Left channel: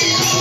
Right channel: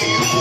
Thank you.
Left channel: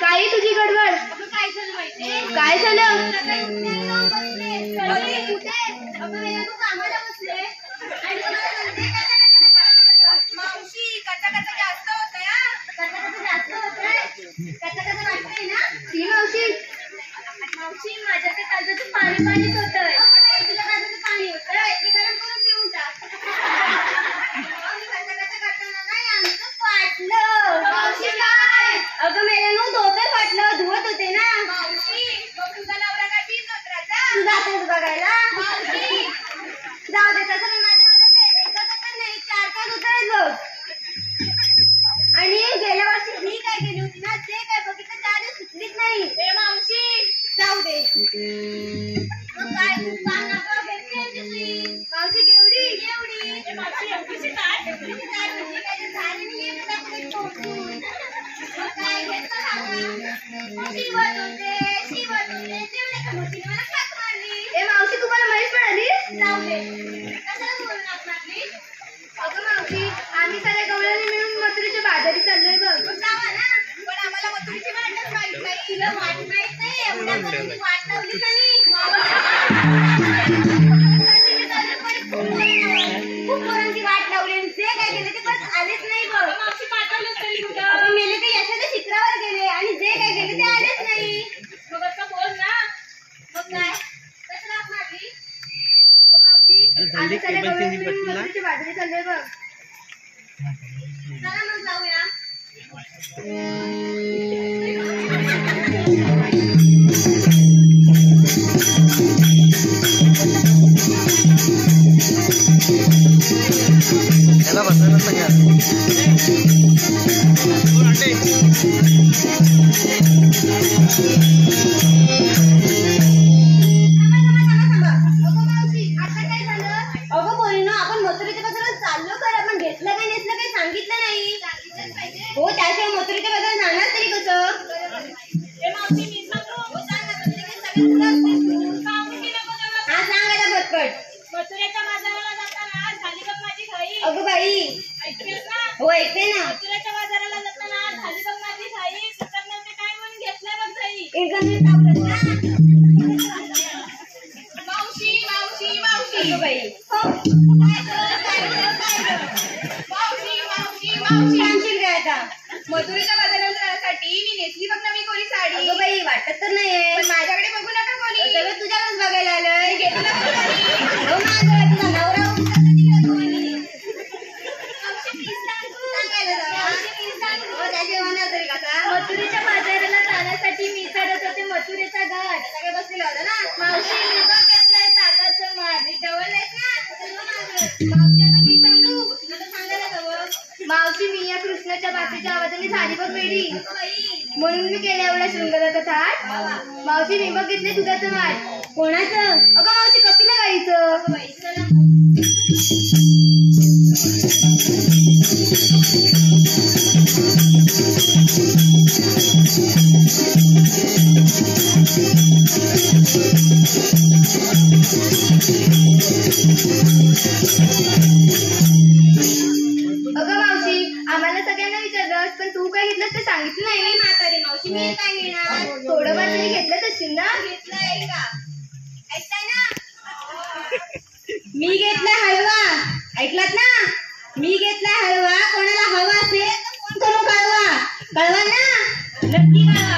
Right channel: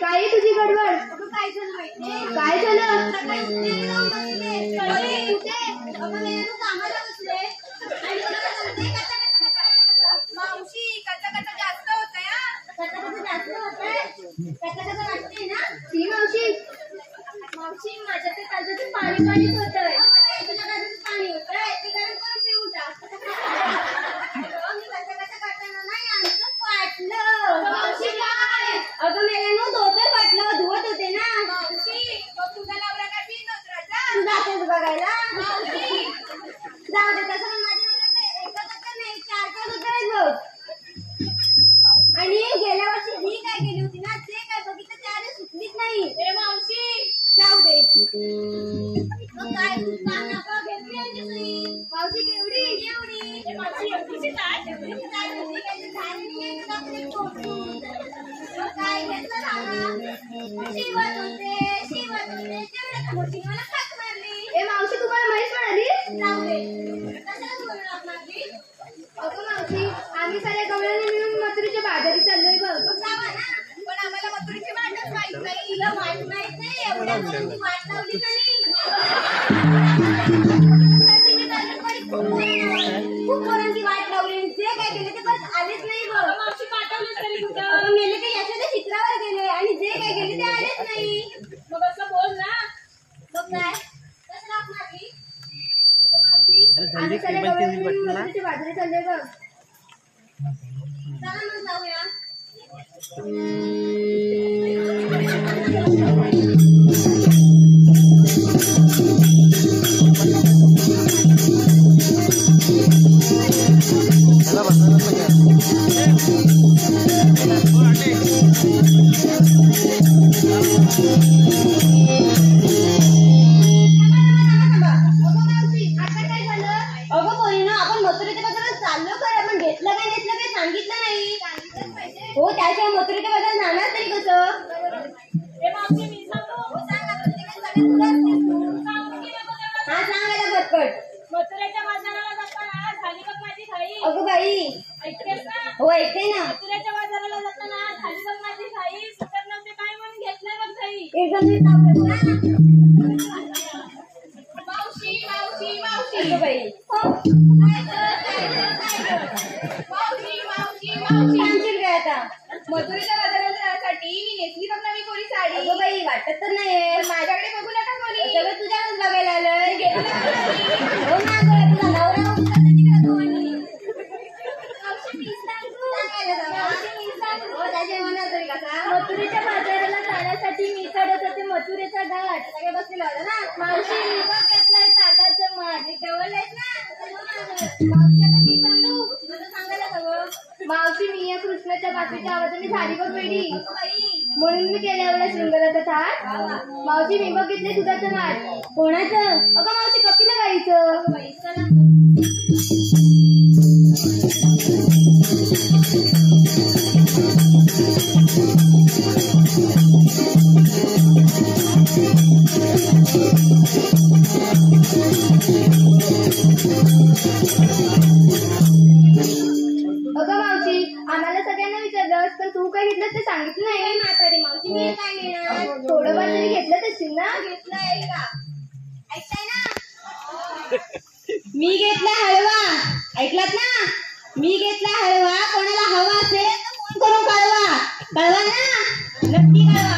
काय तुझी गडबड? काय झालं माहितीये? काय झालं? कामाला बसले मावशी कचा जास्त होतंय. जास्त होतंय कचा वाटतंय ना ती मावशी. मावशी माझ्या ते कालचं पाणीच होतंय. तुला कालचं पाणी होतंय ते गरम करून पिऊन टाक. कचा करताना नाही आमचं फाटलं. मावशी काय? अगं मेल्यानं धोतर फाटलं धुवत होते ना. मावशी मग तुझा नवरा काय तीन धोतराचा? तुझा असेल बघायला. मावशी जाऊ दे तसं पण माझ्या नवऱ्याचे एका धोतर नाही 4-5 धोतर आहेत बघ. आणि गेल्या वर्षी मी काय केली होती ना ते काय बघितलं 4 दिवस सुचलीच नाही. मावशी जाऊ दे. मग काय पानावर घेतली आमची मावशी केवढी एवढी. मावशी एवढीशी काय म्हणजे काय झाली नाही तुला टोचून. मग काय घेतलं सांगा. शिवत होते तेवढे का मोठी मला खात मारली. ए मावशी तुम्हाला म्हैस म्हणाली. जाऊ दे कशाला बोलून आप मारली. अगं मावशी आम्ही साऱ्या गवळ्याने मिळून मथुरेच्या बाजारी चाललोय बघ. जावा ना पण आम्हाला मथुरेची वाटच माहित नाही. तिला वाट माहित नाही एवढ्या करून ती वाट लावली का नाही. खूप पोरांची वाट लावली जे काय केले ते परत आलेच नाही बघ. मावशी पाठवलं तरी कुठं मेले ते यशाच्या शिखरावर गेले आणि जे काय केले ते आलेच नाही. मग असं बोल ना. मग काय कशाला हाक मारली. मावशी आम्ही साऱ्या गवळ्याने मिळून मथुरेच्या बाजारी चाललोय बघ. चला मग जाऊया. याला बसायला सगळ्यात आपण मथुरेच्या बाजारात चाललो खरं पण घेतलं काय नेसलं काही सांगितलं नाही. हो त्याशिवाय मथुरेच्या बाजारात जाणार तरी कसं. हा सांग आता पटपट. मथुरेच्या बाजाराला जाताना झाली बघ माझी घाई. अगं बाई ऐकतेस ना. हो ऐकते ना. मथुरेच्या बाजाराला जाताना झाली बघ माझी घाई. सुतर नव्हते काय म्हणून घेतलंय बघ घाई. मावशी मावशी मावशी. अगं बाई मावशी काय आता मथुरेच्या बाजाराला जाण्यासाठी मी नेसली बघ नवी कोरी साडी. अगं बाई वाटत तर नाहीये. माझ्याकडे बघू नका कोणी. सगळं तुझ्याकडेच बघायला आलंय. घेतलं तुझा नवरा मथुरेच्या बाजाराला जाण्यासाठी मी चढत होते मथुरेचा घाट. सगळे बसलेला होता ना. मावशी मी बघ घेतलाय ताकाचं माठ. मी डवललायस ना. मावशी आता मी सांगू तुला सांगायला हवं. मावशी मी या कृष्णाच्या बापेच्या आवाजाने झाली बघ वेडी. म्हणून मी केल्या एवढ्या शृंगाराचा थाट. मावशी मी बघ घेतले दुधाचं माठ. कोणाचं? अगं मावशी कपिला गाईचं. अगं मावशी आम्हाला सगळ्यांना विचारलंस पण तू काय घेतलं ते सांगितलं नाही. म्हातारी मावशी मी काय घेणार. थोडंफार तरी घेतलं तशी ना. घेतलंय का ऐकताय ना. मी घेतला हलवा ऐकलात ना. मी घेतला हलवा. कोणाला हवा असेल तर फोन करून कळवा. कळवा ना नक्की कळवा.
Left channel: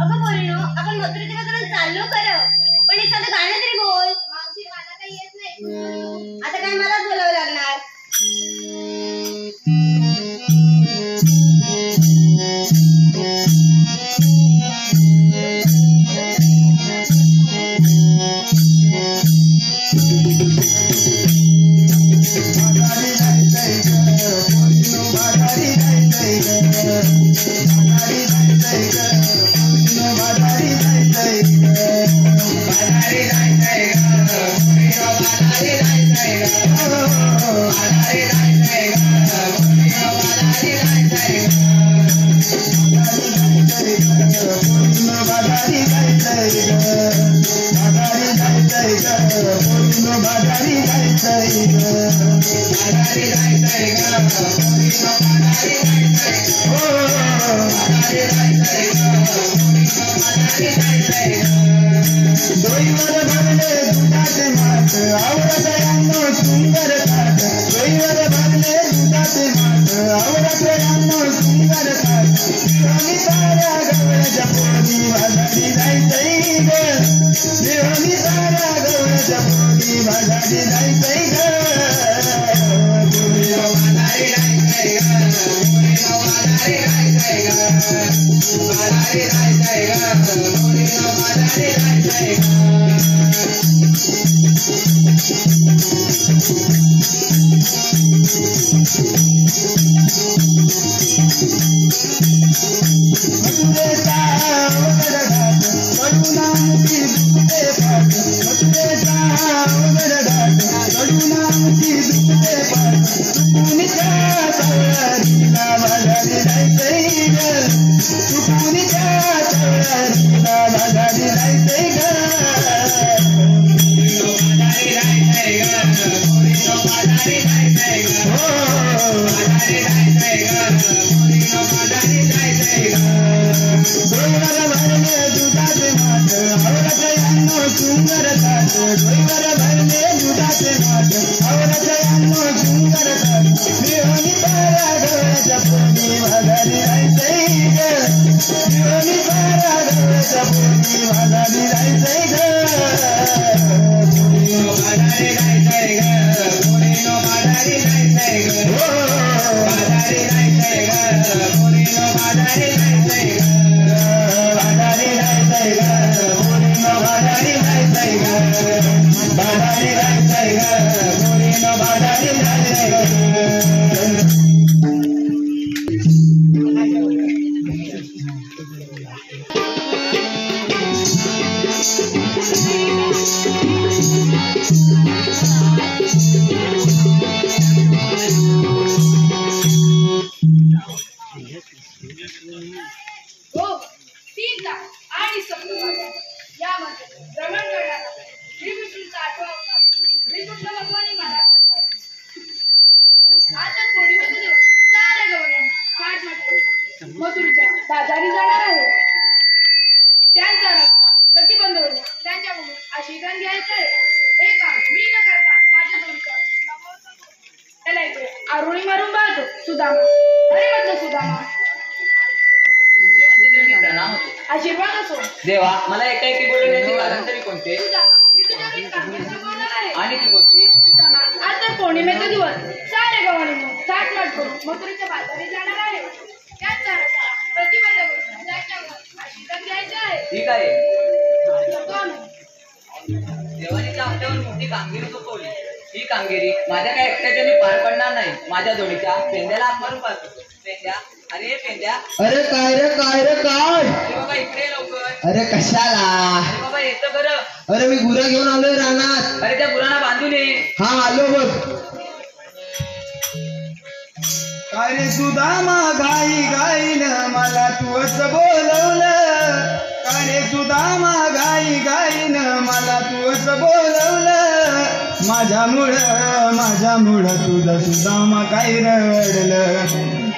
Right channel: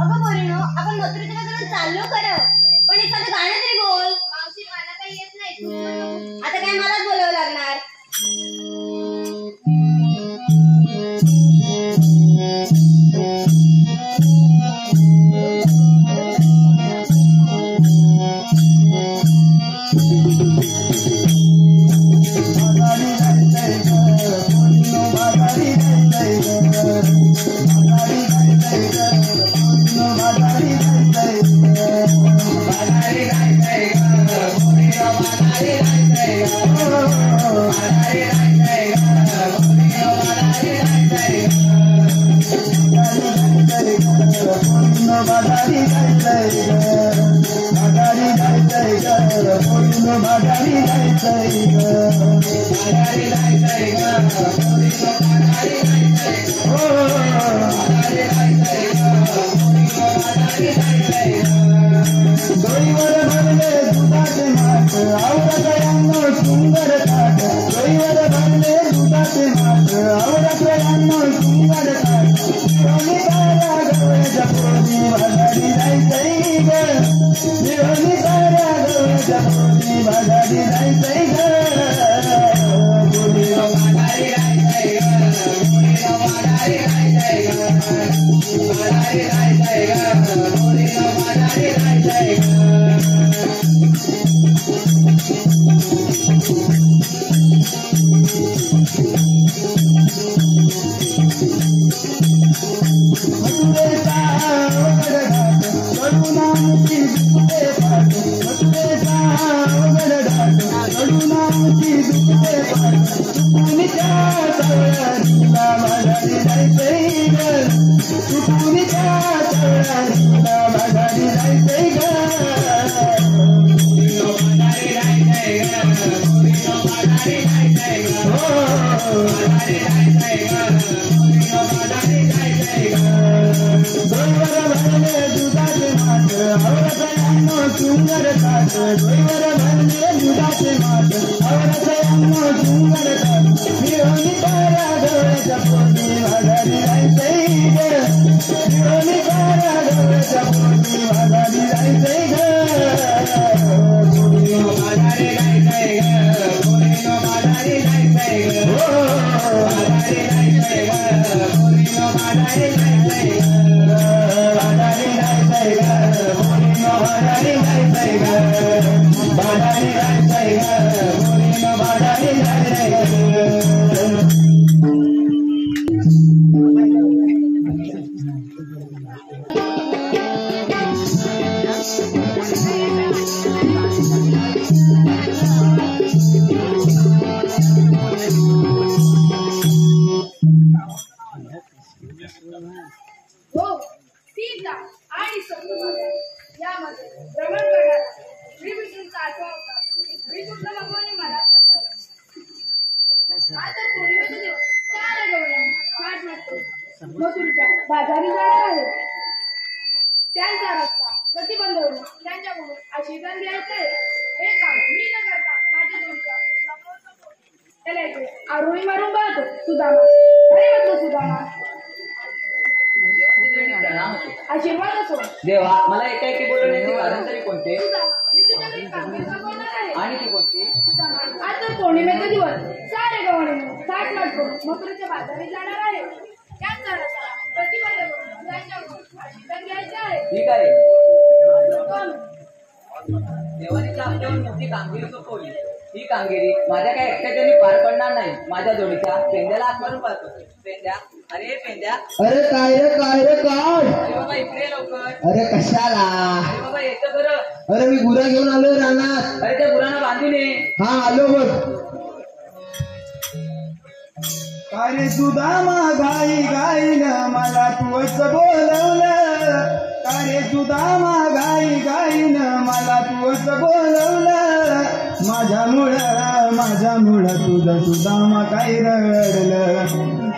अगं बोलिनो आपण मथुरेच्या बाजारात चाललो खरं, पण एखादं गाणं तरी बोल. मावशी मला काही येत नाही. आता काय मलाच बोलावं लागणार. देवा मला एकाएकी बोलवण्याचे कारण तरी कोणते आणि ती कोणती? आता पौर्णिमेचा दिवस सारे गव्हाणे थाट माट करून मथुरेच्या बाजारी जाणार आहे. त्याचा रस्ता प्रतिबंध करून आशीर्वाद घ्यायचे आहे. ठीक आहे. देवाने आपल्यावर मोठी कामगिरी सोपवली. ही कामगिरी माझ्या काय एकट्याने पार पडणार नाही. माझ्या जोडीच्या पेंद्याला हाक मारून पाहतो. पेंद्या, अरे पेंद्या. अरे काय रे काय रे काय? अरे बाबा इकडे लवकर. अरे कशाला? अरे बाबा येतो खरं. अरे मी गुरा घेऊन आलोय रानात. अरे त्या गुरांना बांधून ये. हा आलो बघ. काय रे सुदामा घाई घाईन मला तूच बोलवलं. काय रे सुदामा घाई घाईन मला तूच बोलवलं. माझ्यामुळं तुझं सुदामा काय रडलं.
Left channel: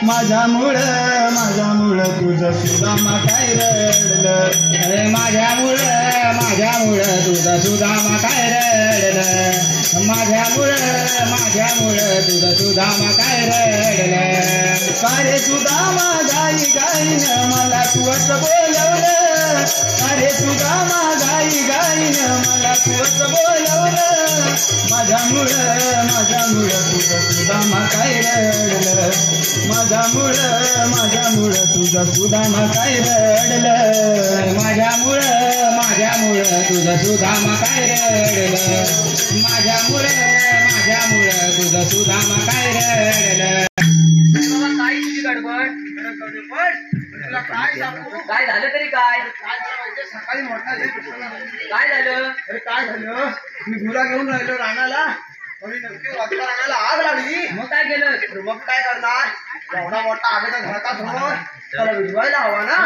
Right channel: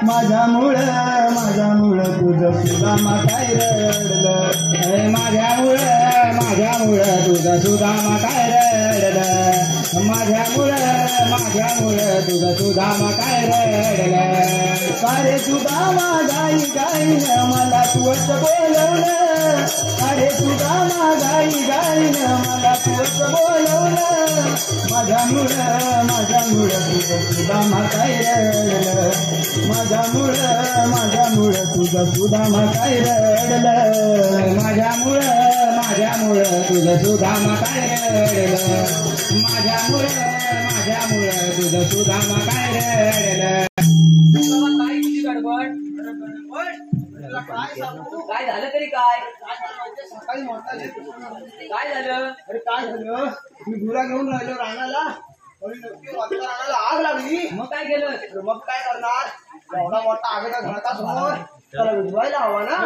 माझ्यामुळं तुझं सुदामा काय रडलं. अरे माझ्यामुळं तुझं सुदामा काय रडलं. माझ्यामुळं तुझं सुदामा काय रडलं. काय रे सुदामा गाई गाईन मला तूच बोलवलं. अरे तुझा गाई गाईनं मला तूच बोलवलं माझ्यामुळं तुझं सुदामा काय रडलं माझ्यामुळं तुझं सुदामा काय रडलं माझ्यामुळं तुझं सुदामा काय रडलं माझ्यामुळं तुझं सुदामा काय रडलं काय तुझी गडबड काय सांगू काय झालं तरी काय सकाळी मोठा काय झालं अरे काय झालं मी गुरा घेऊन राहिलो रानाला आणि नक्की वाजता रानाला आग लागली मग काय केलं तर मग काय करणार एवढा मोठा आग तर घराचा समोर त्याला विझवायला हवा ना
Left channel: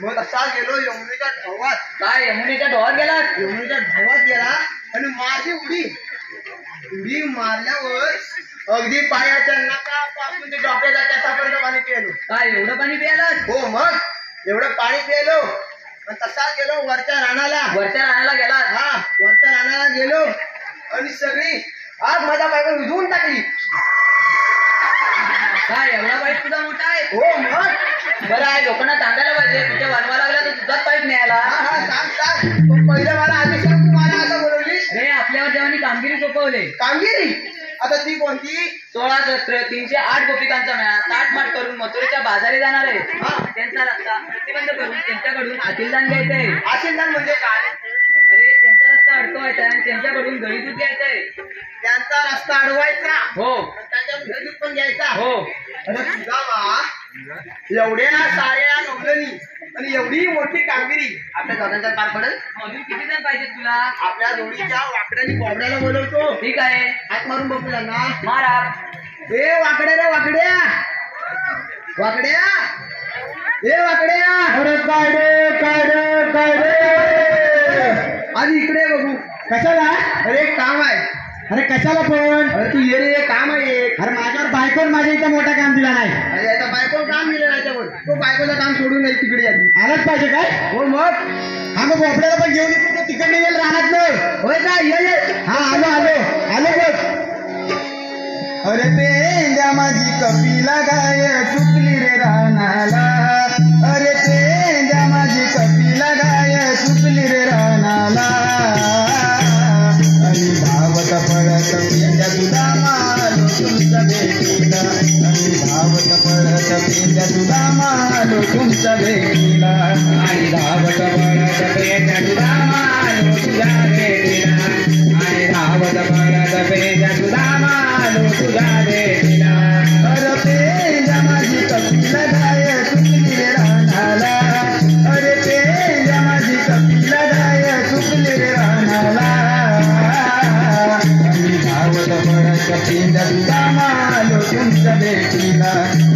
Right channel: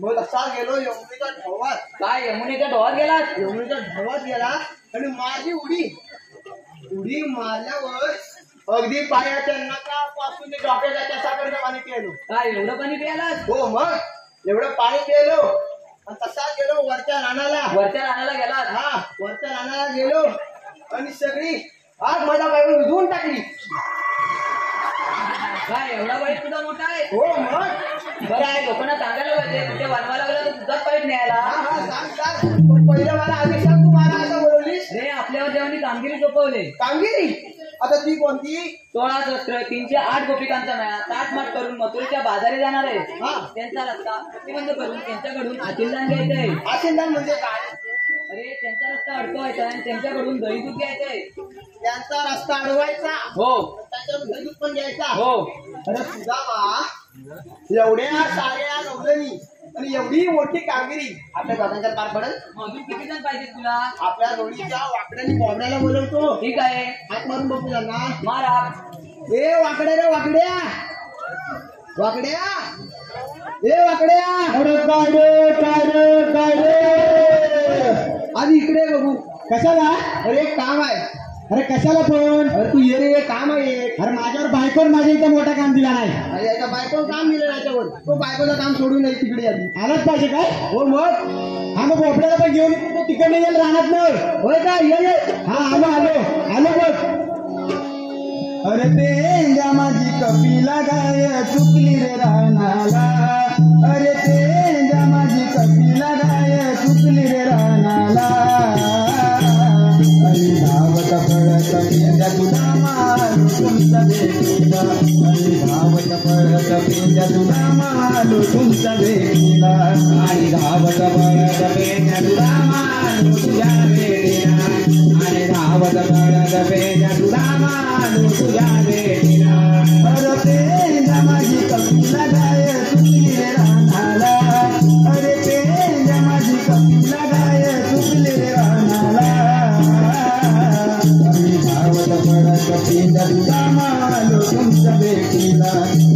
मग तसा गेलो यमुनेच्या ढवात काय यमुनेच्या डोहात गेलात यमुनेच्या ढवात गेला आणि मारली उडी मारल्यावर अगदी पायाच्या नाकापासून ते डोक्याच्या त्याच्यापर्यंत पाणी पिलो काय एवढं पाणी प्यायलात हो मग एवढं पाणी पिलो आणि तसा गेलो वरच्या रानाला गेलात हा वरच्या रानाला गेलो आणि सगळी आग माझ्या बायकोला विझवून टाकली काय एवढा वाईट तुझा मोठा आहे हो मग बरं आहे लोकांना सांगायला पाहिजे तुझ्या वानवा लागला तर तुझाच पाईप न्यायला हा सांग पण पहिले मला आधी सांग तू मला आता बोलवलीस रे आपल्यावर जेव्हा कामगिरी सोपवले कामगिरी आता ती कोणती 16 सत्र 308 गोपिकांचा मेळा ताटमाट करून मथुरेच्या बाजारी जाणार आहे हा. त्यांचा रस्ता प्रतिबंध करून त्यांच्याकडून आशीर्वाद घ्यायचंय आशीर्वाद म्हणजे काय अरे त्यांचा रस्ता अडकवायचा आणि त्यांच्याकडून दही दूध घ्यायचंय त्यांचा रस्ता अडवायचा हो त्याच्यावर घरी पण घ्यायचा हो अरे तुझा बा एवढ्या साऱ्या नवलनी आणि एवढी मोठी कामगिरी आपल्या दोघांच्या पार पडेल अजून किती जण पाहिजे तुला आपल्या दोन्हीच्या वाकड्यानी बोबड्याला बोलवतो ठीक आहे हात मारून बघू त्यांना मारा ए वाकड्या रे वाकड्या ए वाकड्या अरे काढे आधी इकडे बघू कशाला अरे एक काम आहे अरे कशाला पण अरे तू ये रे काम आहे एक अरे माझ्यावर बायकोन माझ्या इथं मोठा काम दिला नाही अरे याचा बायको काम दिलं याच्यावर तो बायकोचं काम सोडून नाही तिकडे आधी आलाच पाहिजे काय हो मग हा मग बोपड्याला पण घेऊन तिकडे येईल राहणार नाही होय का ये हा आलो बघ अरे पेंड्या माझी कपिला गाय चुकली रे रानाला अरे पेंड्या माझी कपिला गाय चुकली रे रानाला आणि धावत पळत पेंड्या तुला मालो तुमच्या भेटीला आणि धावत पळत पेंड्या तुला मालो तुमच्या भेटीला आणि धावत पळत पेंड्या तुला मालो तुझ्या भेटीला आणि धावत पळत पेंड्या तुला मालो तुझ्या भेटीला अरे पेंड्या माझी कपिला गाय चुकली रे रानाला अरे पेंड्या माझी कपिला गाय चुकली रे रानाला आणि धावत पळत पेंड्या तुला मालो तुमच्या भेटीला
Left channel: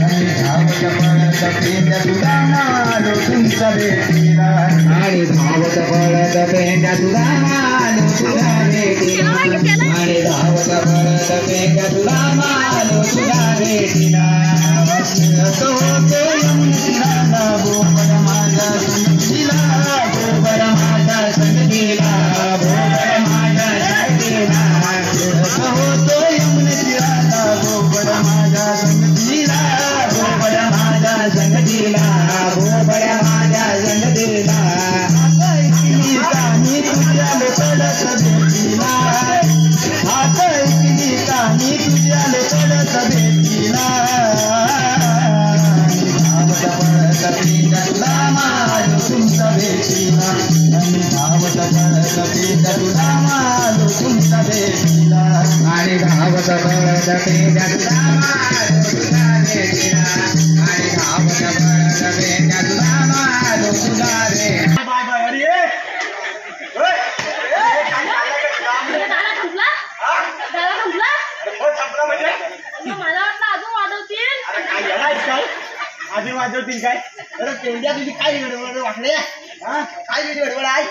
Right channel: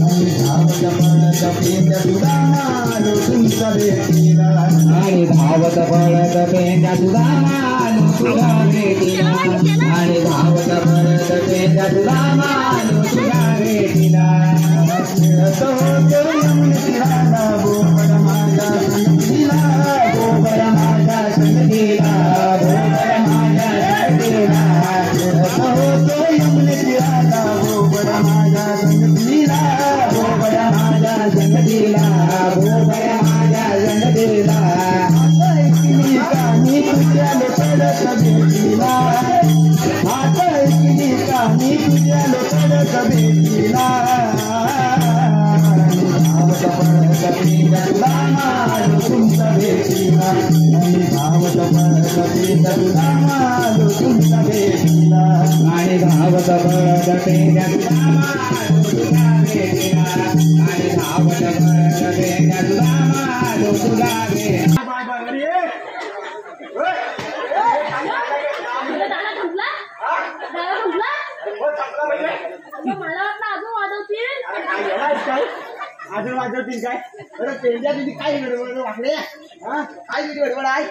आणि धावत पळत पेंड्या तुला मालो तुमच्या भेटीला आणि धावत पळत पेंड्या तुला मालो तुझ्या भेटीला आणि धावत पळत पेंड्या तुला मालो तुझ्या भेटीला होतो यमुनेला गोबर माझा संगीला गोबर माझा संगीला गोबर माझा संगीला होतो यमुनेला गोबर माझा संगीला गोबर माझा संगीला गोबर माझा संगीला आता ऐकली कानी तुझ्या पडत भेटीला आता ऐकली कानी तुझ्या पडत भेटीला धावत पळत पेंड्या तुला मालो तुमच्या भेटीला आणि धावत पळत पेंड्या तुला मालो तुमच्या भेटीला आणि धावत पळत पेंड्या तुला मालो तुझ्या भेटीला आणि धावत पळत पेंड्या तुला मालो तुझ्या भेटीला मला वाटलं अजून वाजवतील अजून वाजवतील काय अरे पेंड्या तुझी काय गडबड वाकडे काय तुझी गडबड आहे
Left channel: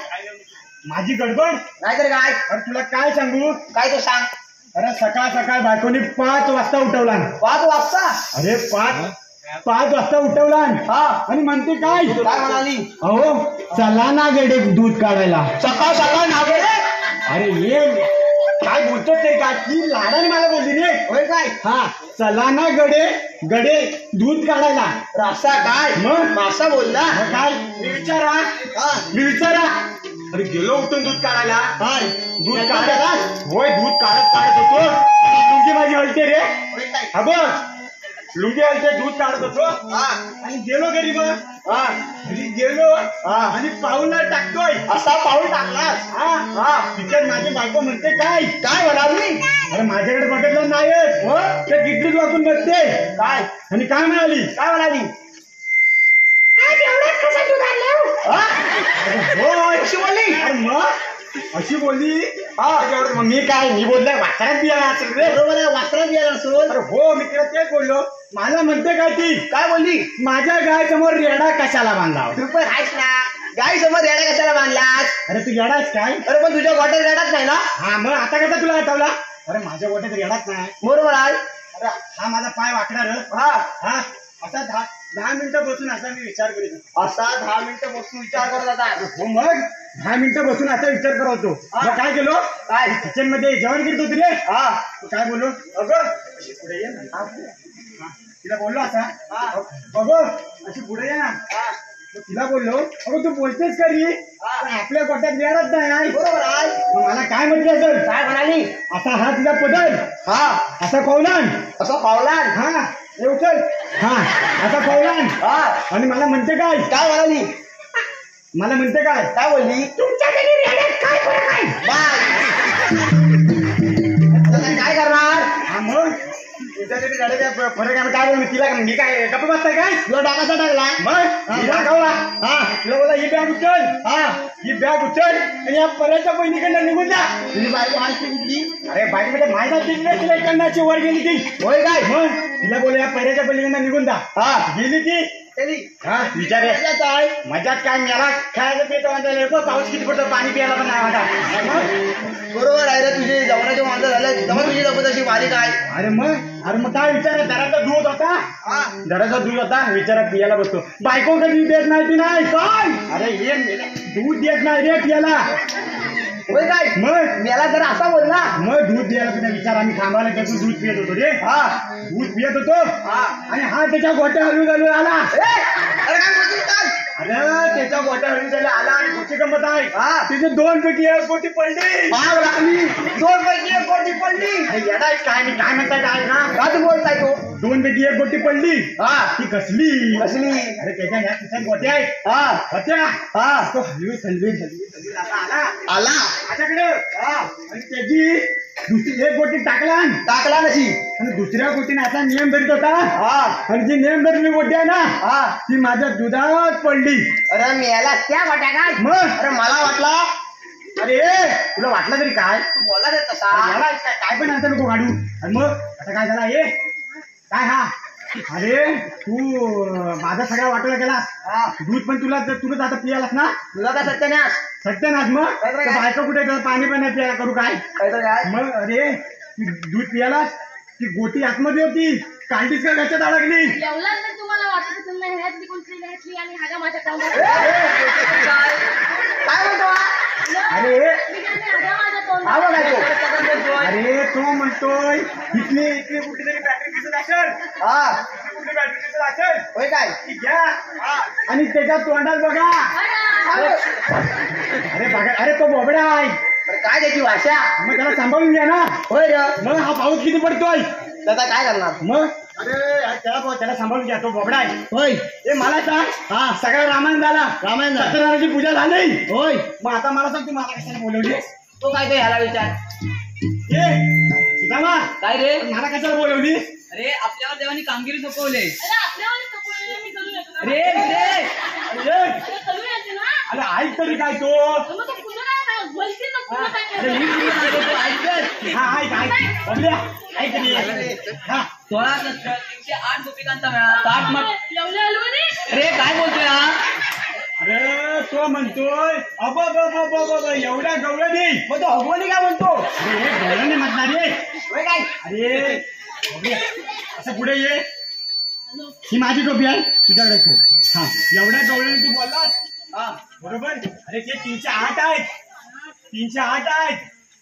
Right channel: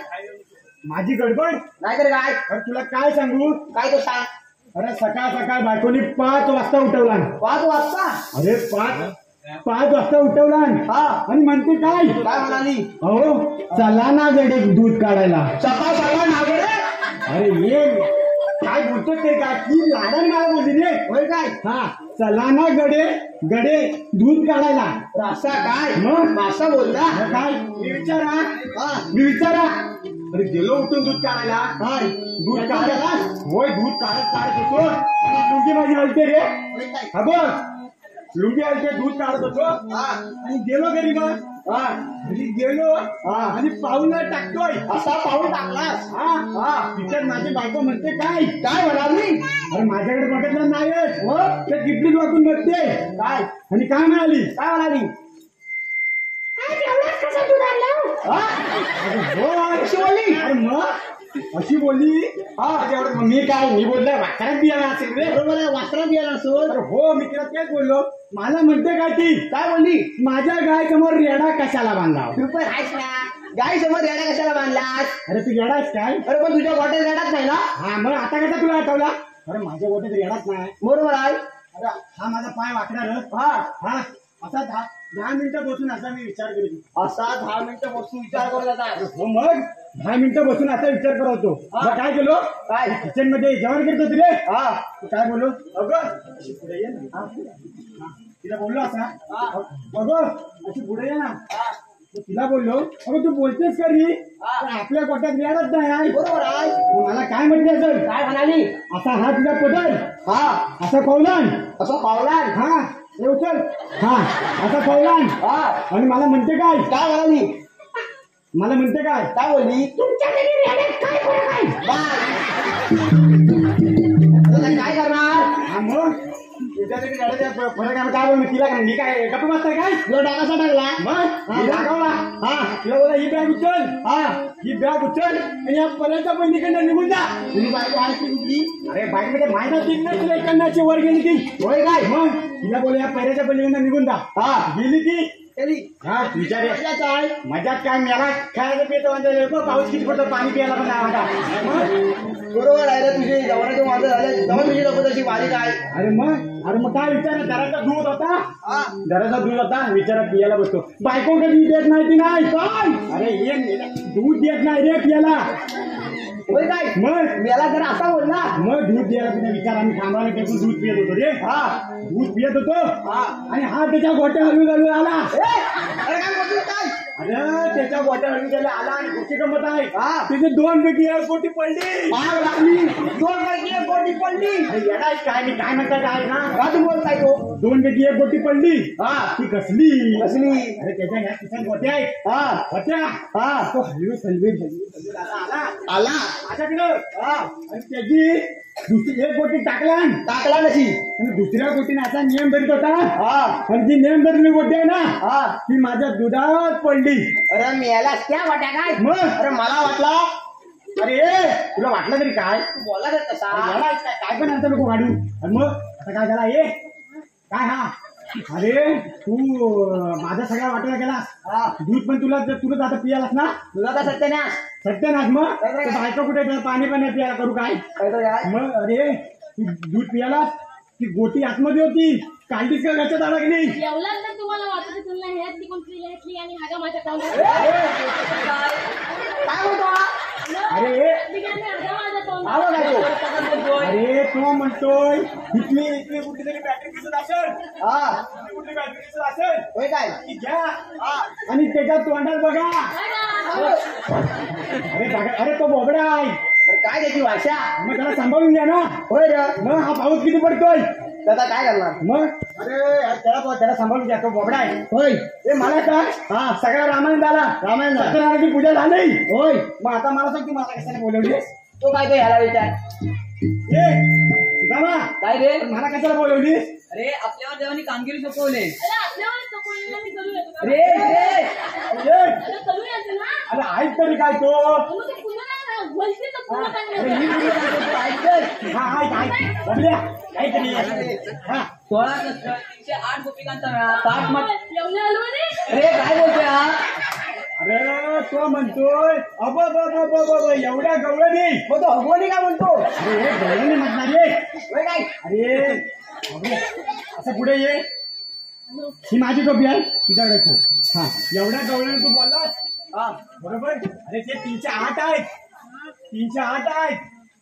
माझी गडबड नाहीतर काय अरे तुला काय सांगू काय तो सांग अरे सकाळ बायकोनी 5 वाजता उठवला 5 वाजता अरे 5 वाजता उठवला हा आणि म्हणते काय काय म्हणाली अहो चला ना गडे दूध काढायला सकाळ नागे अरे ये काय बोलतो ते का ती लाडाने मला बोलली रे. होय काय हा चला ना गडे गडे दूध काढायला. रास्ता काय मग मासा बोलला मग काय मी विचारा हा मी विचारा अरे गेलो उठून दूध काढायला. हाय दूध काढायला होय दूध काढत होतो लुंगी माझी हलते रे. होय काय हा बघ लुंगी हलते दूध काढत होतो हा आणि गेलो घरी. मग हा घरी गेलो हा आणि पाऊल टाकतोय. असा पाऊल टाकलास हा हा तिच्यात माझी बायको म्हणते काय काय म्हणाली अरे माझ्याकडे बघितलं नाहीच. हो ते किटलीत वाचून बघते काय आणि काय म्हणाली काय म्हणाली हा? अरे हो अशी बोलली. अरे मग अशी बोलली. हा मग मी काय मी बोललो वासरात बियाणं असेल रे. बरोबर आहे वासरात गेला सोड अरे हो मी तिला तेच बोललो. मला म्हणते काय ती काय बोलली माझ्या गाय समोर रेडा कशाला बांधला. तू पण आहेस ना गाई समोर रेडा कशाला बांधलास अरे तू रेडाच काय. अरे पण तुझ्या गोट्यात रेडाच नाही ना हा मग आता कसा तुला आठवला. अरे माझ्या गोट्यात रेडाच नाही. बरोबर आहे अरे हा माझा पाय वाकडा र. हा हा असा 10 मिनिटं बसून असा मी विचार करीत होतो. असा 10 मिनिटं बसून विचार करत होता हो मग 10 मिनिटं बसून असा विचार करत होतो. मग काय केलो काय किचन मध्ये जेवण करत होती रे. हा तू काय बोललो अगं अशी पुढे ये ना. हा. तिला बोललो असा अगं अशी पुढे ये ना. मग तिला बोललो अगं तू बोलतेस का रे पण आपल्या गोट्यात रेडच नाही. बरोबर आहे मग मला काय म्हटलं असेल काय म्हणाली असा हा तिचा पदर हा असा कौलान असं पावलान हा हे उचल हा असा कौलान हा आणि मला म्हणते काय काय म्हणाली मला म्हणते काय काय बोलली तुमच्या घरी रेड्यात काय फरक आहे. बाय काय करणार हा मग तुझ्या घरी रेड्यात फरक आहे. काय बोल तिला मी काय गप्प बसताय काय तुला टाकायचा टाकला मग मी दाखवला. हा तुला बोला ही बॅग उचल. हा ही बॅग उचल आणि या पर्यंत बहिणीकडनं निघून जा. तुझी बायको आणखी कुठली अरे बाईक मध्ये माहिती तिकडे तिला इकडनं वर गेली ती. होय काय मग तिला बोल या पर्याच्या पलीकडनं निघून जा. हा गेली ती. तरी हा विचार मजाच आहे मजात काय मला खायचं पितो म्हणजे पाऊस किती पडतो पाणी प्यायला पण नाही वाटा. बरोबर आहे रे तुझे जवळचे माझं झालं तेव्हा तुझी लोक तशी बारीक आहे अरे मग काय विचार दराचा दूध होता. हा दराचा दूध होता विचारा पियाला बसतो. बायको कधी देत नाही ती नाही काय. अरे ये दूध देत नाही रे पियाला. होय काय मग मला जर असा बोलला मग दूध द्यायला तुझा विचार आम्ही थांबायला गेलो दूध पियत होतो रे. हा दूध पियत होतो हा आणि हा त्याच्या गोट्या हलू आला. अरे काय बोलतोय काय अरे त्याच्या गोट्या हलू आला आणि गोष्टी गमत आहे. हा तिथे 2 पैकी 1 गोटी पडली. आग लागली 2 पैकी 1 गोटी पडली अरे येडा आहे काय मी काय म्हणताय काय ना का तू बोलताय तो 2 पैकी 1 गोटी पडली. हा ती कसली कसली अरे त्याच्या ह्या तिच्या गोट्या आहेत हा होत्या. हा तो हलवी आला आला माझ्याकडं हा आणि त्याची दुसरी 1 गोटी टाकला टाकला नशी आणि दुसऱ्या गोटीने असा नियम धरीत होता. हा आणि जी नियम धरली गोटी आहे ना हा ती माझ्या दुधात पडली. अरे मेला त्या वाट्या काय मग अरे मला वाटला अरे तुला वाटलं तरी काय तू बोलला रे तसा अरे याला काय पण आणतं नको गाडू. आणि मग आता काय झाला हे काय हा अरे तू माझा सगळा वाटायला गेलास. हा दूध पण तुला आता पियालास ना. तुला काय सत्यानाश सत्यानाश. मग काय काय? बायका कुठे गेला, पाणी पण नाही प्यायला करू काय. काय तर काय मग अरे तू दूध पियालास ती गोटी आतमध्ये होती काढलीस का घरच्यात अडकली. एवढा जर तुम्हाला वाटत असेल ना ह्यातली कोणतरी घेतली आणि हागा माझ्या तोंडात काय म्हणतो अरे मी काय नाही, हागा माझ्या तोंडात. हा बघ तो अरे तो म्हणतोय इथली कुठेतरी बॅटरी दिसत असेल. हा कुठली बॅटरी दिसत असेल होय काय ती घ्या आणि त्याच्या तोंडात बघा. हागा. अरे बघा अरे तो बोबडा आहे. बरं, काय त्याची भाषा मग त्याला सांभाळून घ्या ना. होय रे मग हा पाऊस किती पडतोय. त्याचा काय करणार मग अरे त्याला सांभाळून घ्या तो बोबडा आहे. होय हे मला सांग हा सगळा रामायण झाला. रामायण झालं. सत्यनारायणाची पूजा झाली. होय मग आता मला सांग तू मला कशाला बोलवली. तो काय ते ह्याला विचार सीतामा काय रे मला कशाला बोलवली. अरे आपल्यावर देवानी कामगिरी सोपवले. अरे आपल्यावर कपडे मी करू येतो रे रे अरे करू येते ना. अरे ऐक तरी काय तो. मग तो पुन्हा काय बोलते तर पुन्हा काय अरे नाही. मी तुला सांगतो, तू ऐक तर. हा ऐक बघूया ऐक तरी. हा 16 सत्र 308 गोपिकांचा मेळा 60 मठ. एवढे आलो नाही. अरे काय बोलतोय हा. अरे तो म्हणतोय एवढ्या गवळण नाही. मग तो हगवणी काय म्हणतो अरे हे गवळण नाही म्हणणार रे. होय काय अरे बघूया. असं पुढे ये. ही माझी टोपी आहे तुझ्याकडे ठेव. हा एवढ्या गवळण तू बोललास. हा बरोबर. अरे ते 308 आहेत 308 आहेत.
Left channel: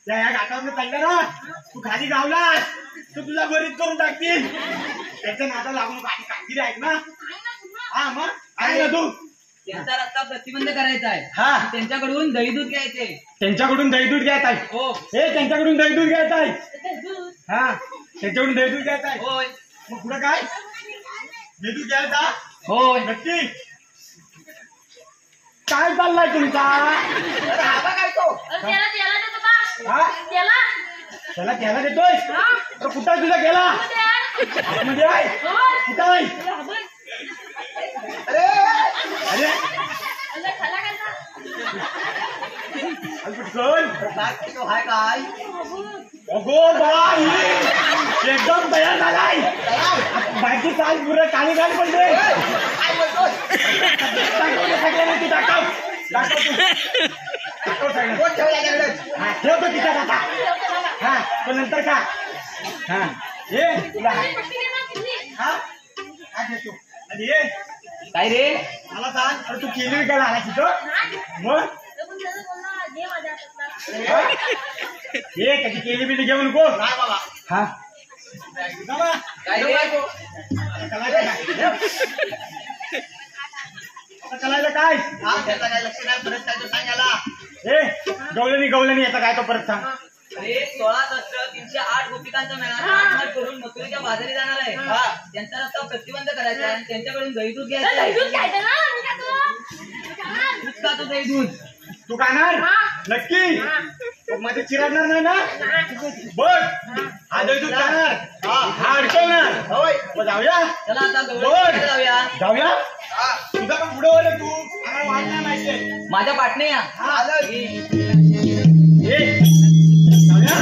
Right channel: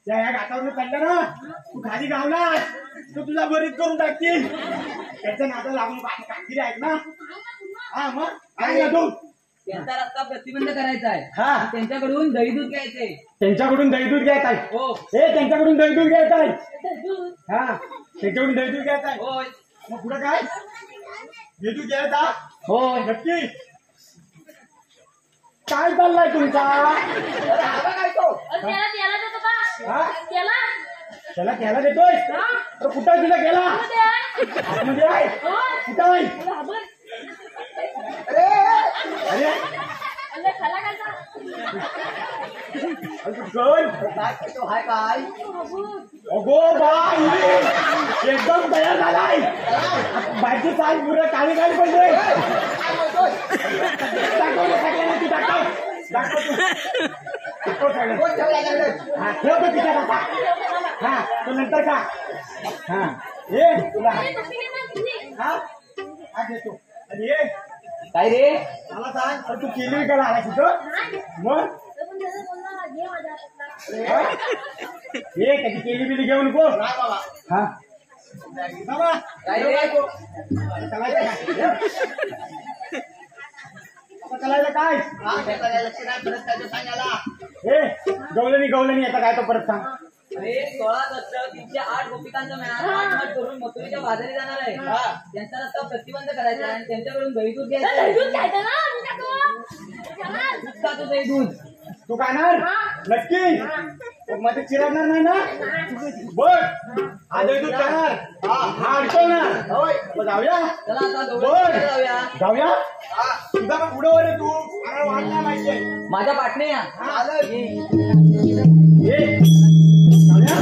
त्या या घाटावर चालल्या ना तू खाली गावलास तर तुझा बरीच करून टाकतील त्याच्या नादाला लागून आता कामगिरी आहेत ना हा मग आहे ना तू त्यांचा रस्ता प्रतिबंध करायचा आहे हा त्यांच्याकडून दही दूध घ्यायचे त्यांच्याकडून दहीदूध घ्यायचा आहे हो हे त्यांच्याकडून दहीदूध घ्यायचा आहे हा त्यांच्याकडून दहीदूध घ्यायचा आहे होय मग पुढे काय दहीदूध घ्यायचा होय नक्की काय चाललाय तुमचा काय तो त्याला देतो का हा त्याला त्याला घ्यायला देतोय तर कुठं आहे तुला गेला आतमध्ये आहे कुठं आहे अरे खाला खायचा कुठं तो हाय काय अगो बाई एकदम तयार झालाय बाकी चाल पुरं काळी घाल पडले ठेवतो तिच्या काका हा तो नंतर का हा ये तुला हा हा घेतो आणि ये काय रे मला सांग अरे तू केली का आला तिथं मग ये कधी केली बिली घेऊ नको हा बाबा काय रे आता करायला काय लक्ष नाही परत काय तो सांगायला ए गवळणी आता काय तो परत सांग अरे 16-308 गोपिकांचा मेळा करून मथुरेच्या बाजारी जाणार आहे त्यांचा रस्ता प्रतिबंध करायचा आहे आणि त्यांच्याकडून दही दूध घ्यायचं आहे दूध का तो दही दूध तू खाणार नक्की मध्ये चिरडणार नाही ना बघ हा दूध खाणार हा अडकवणार मग जाऊया चला आता बोल. गौरव जाऊया जाऊया तुझा पण पुढे वर तू आम्हाला वाट नाही माहितीये माझ्या पाटणे या ये जाऊया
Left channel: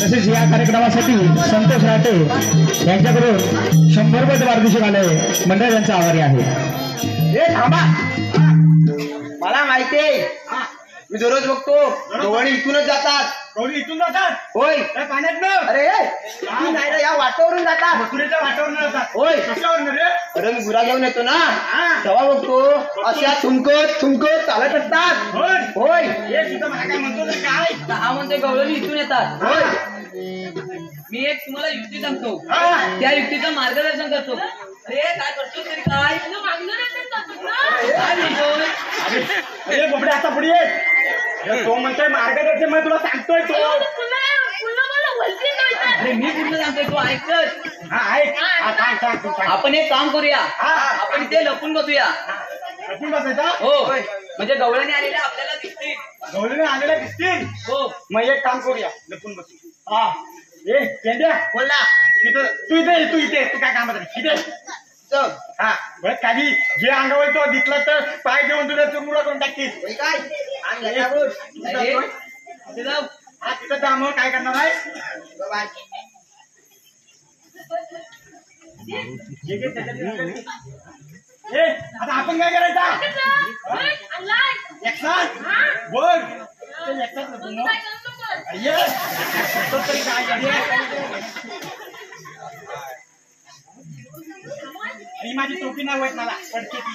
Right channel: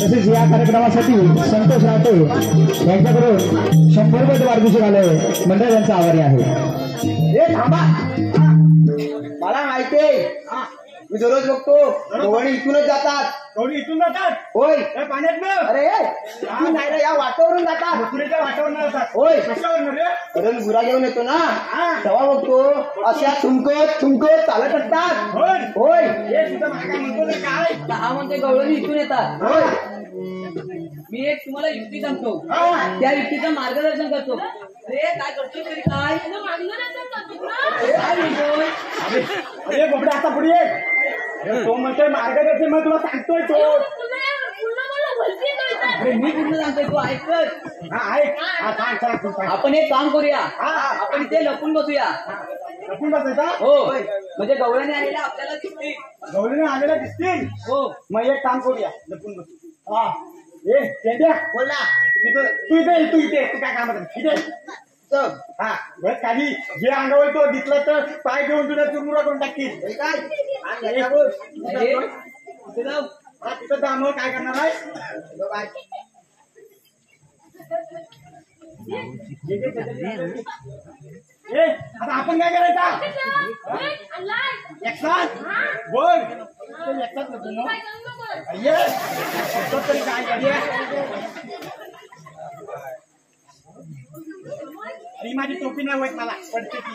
तसेच या कार्यक्रमासाठी संतोष राटे यांच्याकडून 100 रुपये वाढदिवशी आले मंडळ यांचा आभारी आहे हे थांबा मला माहितीये मी दररोज बघतो गवळणी इथूनच जातात गौरी इथून जातात होय त्या पाण्यात न अरे इथून नाही रे, या वाटावरून जातात मथुरेच्या वाटावर जातात होय कशावर रे अरे मी गुरा घेऊन येतो ना तेव्हा बघतो अशा थुंकत चालत असतात होय होय हे तुझं मला काय म्हणतो रे काय आता हा म्हणतोय गवळणी इथून येतात होय मी एक तुम्हाला युक्ती सांगतो हा. त्या युक्तीचं मार्गदर्शन करतो अरे काय करतो तरी काय काय म्हणतोय अरे बोबडे आता पुढे ये तो म्हणतोय मार्गदर्शन मी तुला सांगतोय तो अरे मी पूर्ण सांगतोय तू ऐकत हा ऐक हा सांग सांग तू सांग आपण एक काम करूया हा. आपण इथे लपून बसूया लपून बसायचा हो म्हणजे गवळणी आलेल्या आपल्याला दिसतील गौरीने आलेल्या दिसतील हो मग एक काम करूया लपून बसू हा ए केंद्या बोल ना तू इथे तू काय कामात आहे? इथे चल हा बस खाली जे अंगावर तो दिसला तर पाय घेऊन तुझ्या चुरमुरा करून टाकतील होय काय आणि ए, याचा बोल. अरे, इथे जाऊ. हा तिथं जा मग काय करणार आहे बाय. जे जे त्याच्यात ए आता आपण काय करायचा एकसाथ बोल ते एकसाथ नको मग ये तो तरी काय अरे माझी टोपी नाही होत मला पडते ती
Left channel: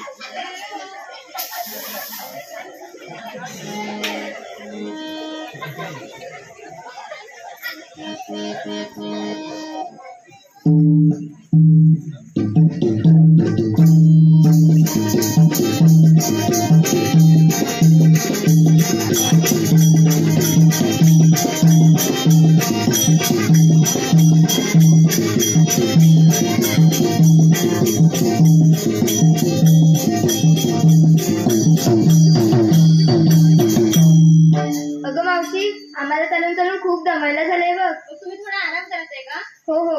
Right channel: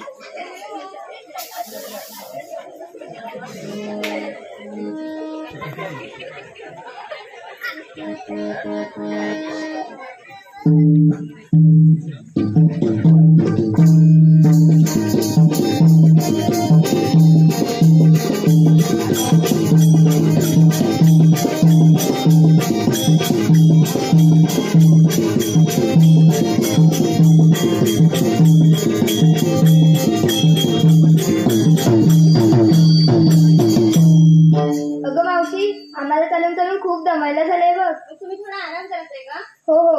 अगं मावशी आम्हाला चालून चालून खूप दमायला झालंय बघ तुम्ही थोडा आराम करताय का हो हो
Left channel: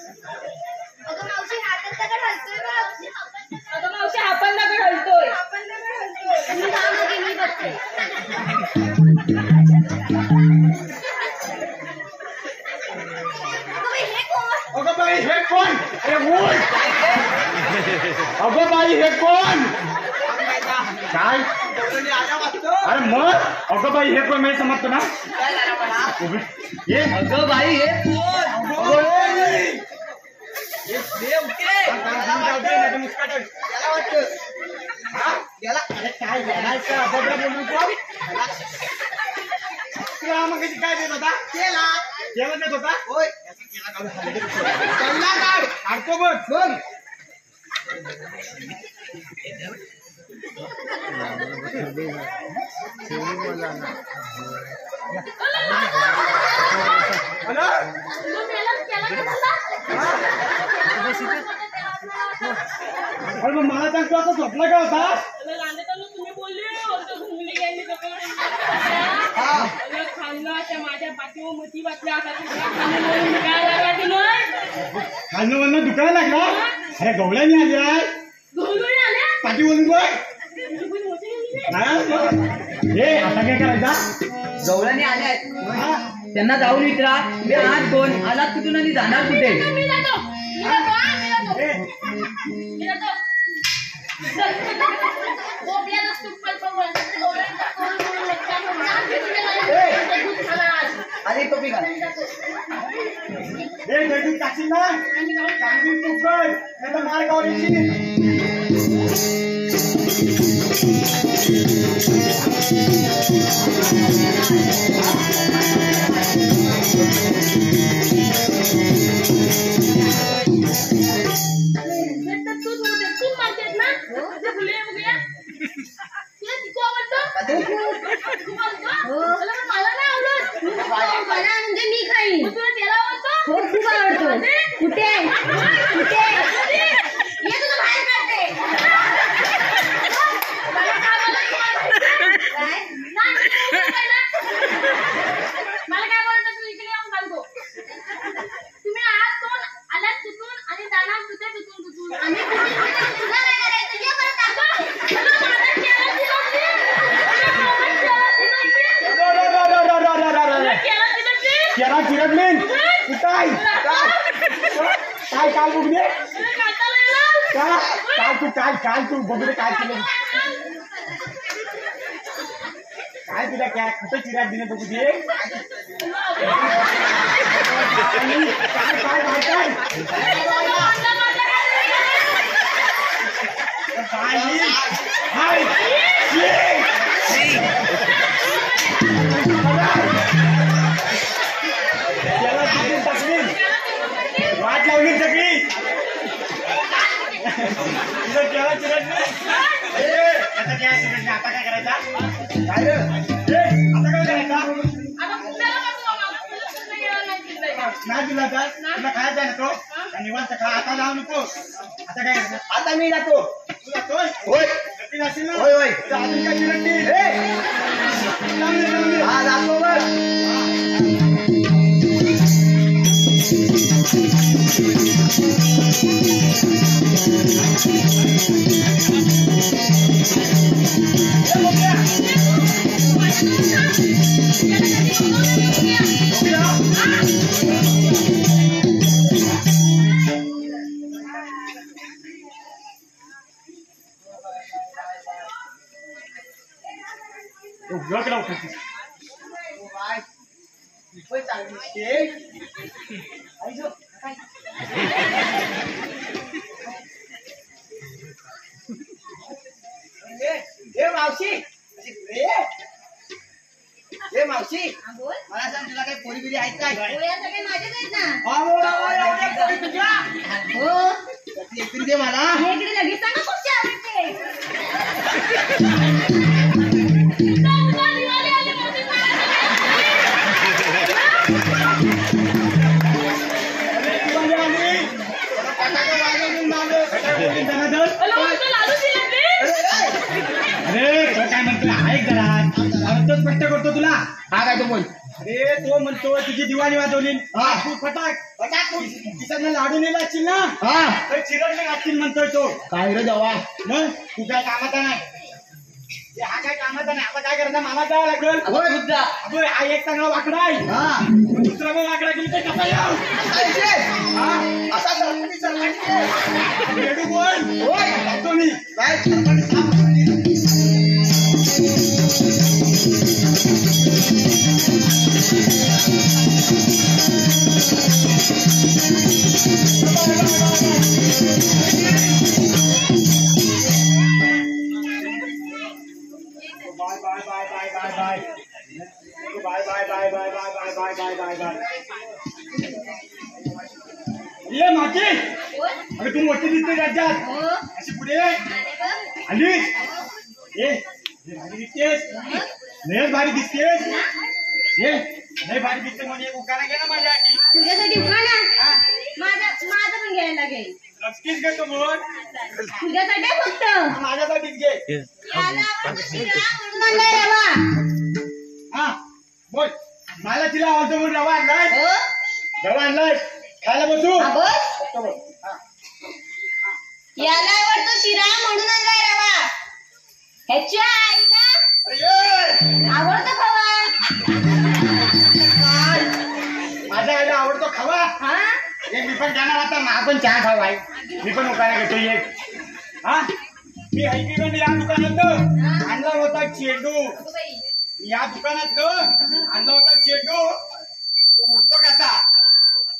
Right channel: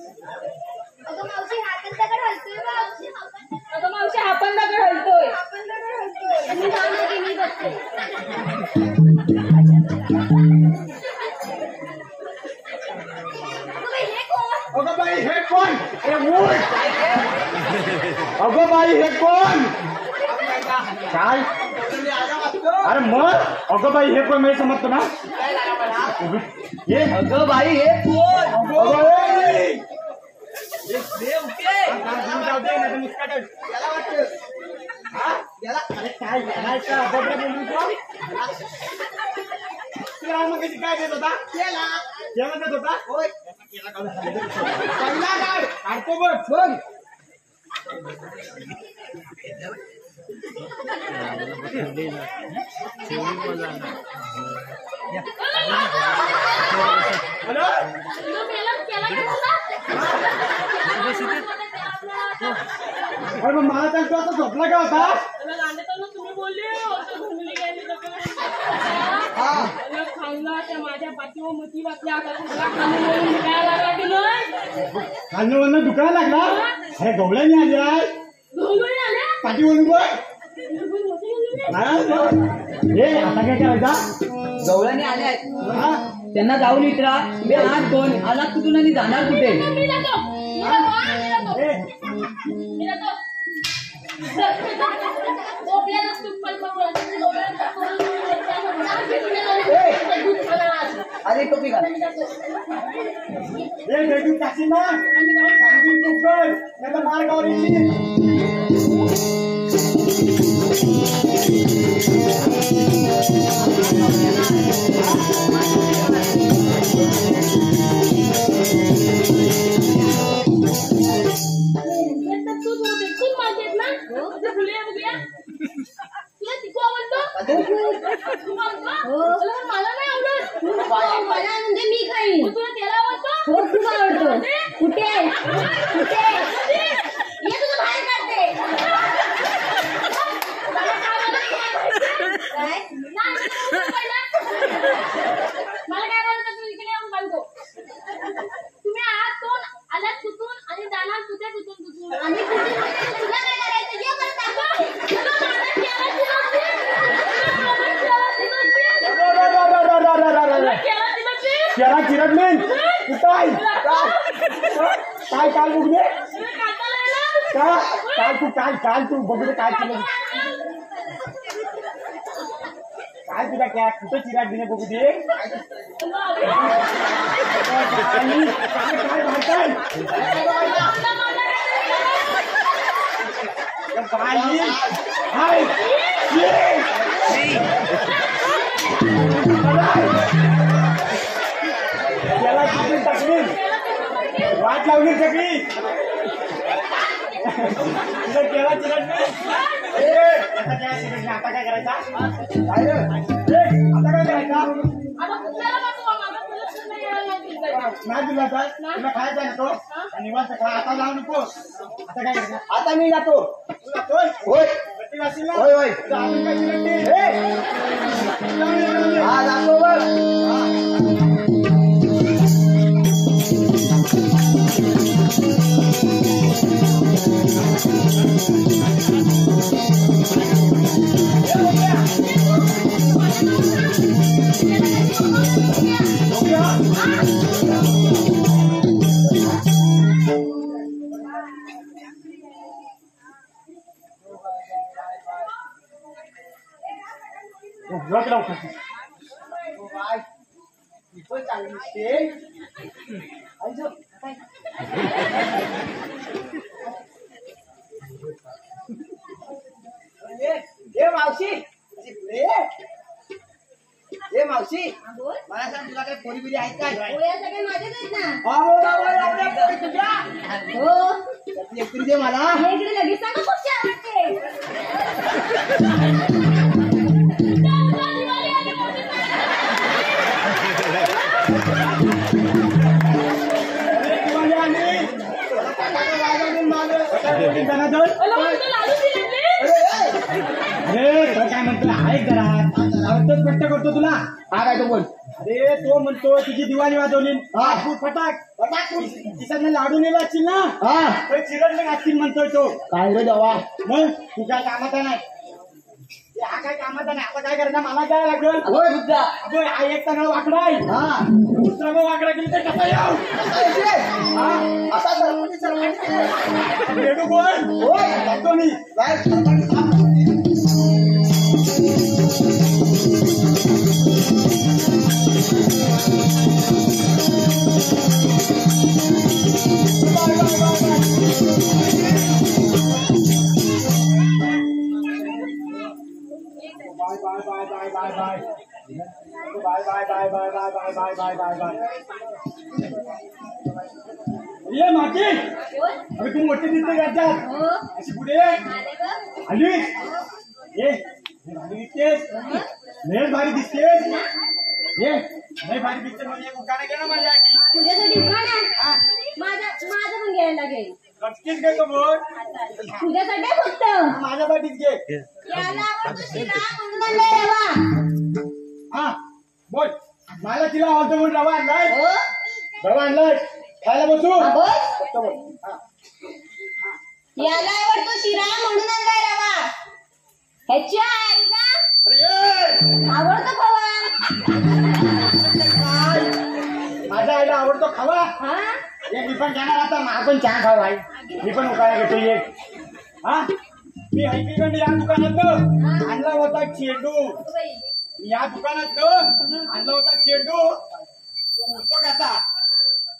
अगं अगं बाई हे कोण? हे मूल. अगं बाई हे कोण? काय? अरे मग अगं बाई हे कोण मी समजतो ना. हे अगं बाई हे कोण? काय देत होता? केला देत होता. काढतो बघ. अरे मग मला सांगतो असं झोपला का होता? तुम्ही बोलले त्या माझ्या पाठीवर मती वाटल्या आता खाल्लं वरनं दुकान लागला. अरे गवळ्याने आल्या पाठी बोलून बघ. हे आता काय करायचा? गवळ्याने आले आहेत त्यांना जाऊन विचारा मी आज दोन आलात कुठून आणि जाणार कुठे. अरे टोपी घाल. हे दगडी टाकील ना सांगून तू कर नाही तर मार गावरीची. म्हणजे मी खाईन. हो खूप आवडतो. कुठे कुठे ये तुझं बाहेर काढते. मला काय बोलतो तू इकडे येऊन सांगतो. तुम्ही आलात कुठून आणि जाणार कुठे कुठून आम्ही तुला काय करायचं ये परत दाखव. केला चिरडलीन काय काय काल बघले काल तू बघले काय केलं काय तुला काय कुठं चिराग दिले बघू दे. वाट लावली सगळी तुझं केला चिरडली. आता काय चिरडली आता काय करायचा? काय रे आता काय करायचा? नाही तुला तर तुला खायचा ना तो निवांत खा. आता जाऊ नको. आता काय करायचं? आता मी जातो. तू जातोय? होय गट्टी जाशील ना? होय होय अजून काय चिरडली? हा जातो बघ. मावशी मला सांग तुला काही पोरी बिरी आहेत काय? सगळे माझेच आहेत ना. हो एकतरी दे मला. इकडे लगेच सांगा खूप छान वाटते. अरे तो काय म्हणतो ऐक जरा तोच स्पष्ट करतो तुला. हा काय तो बोल. अरे तो म्हणतो तुझी दिवाळी वाजवली तू फटाक तिकडनं लाडू नेला असतील ना हा तर चिरडले असतील म्हणतोय तो. काय रे देवा. मग तू काय कामाचा नाही. हा काय कामाचा नाही. आता काय करायचं मला जायला लागेल. होय बुद्धा. अगं आई एक चांगला वाकडा आहे हा दुसरा मग वाकडा गेली तर कसा येऊ. काय रे? हा भेटू कोण होय जातो मी काय सरकारने साफ करून दिलं. ये माती अरे तू मोठी दिसते राज्यात हो अशी पुढे आले बघ. आलीस ये भारी दिसतेस लयच भारी दिसतेस ये लय भारी दिसते म्हणजे एक उखाणा घे ना माझ्या आधी तुझ्यासाठी उखाणा माझं पण घ्यायला लागेल. नक्कीच घेतो मग तुझ्यासाठी फक्त माझ्यासाठीच घे याला आवडतो शिरा म्हणून आणलाय रवा. हा बोल मला तिला आवडतो म्हणून रवा आणलाय हो रवा आणलाय खायला बसू हा, बोल. फक्त बोल. हा. याला आवडतो शिरा म्हणून आणलाय रवा. ह्याच्या आईला अरे ये आवडतो खवा. काय माझ्या आईला आवडतो खावा हा एक मी पण जाणार आता आपण चहा खाऊ आई मी पण उखाणा घेतो एक हा मी ऐकलं या दुकानात आणला होता चेंडू अगं बाई. या दुकानात आणला होता चेंडू तो उठतो कसा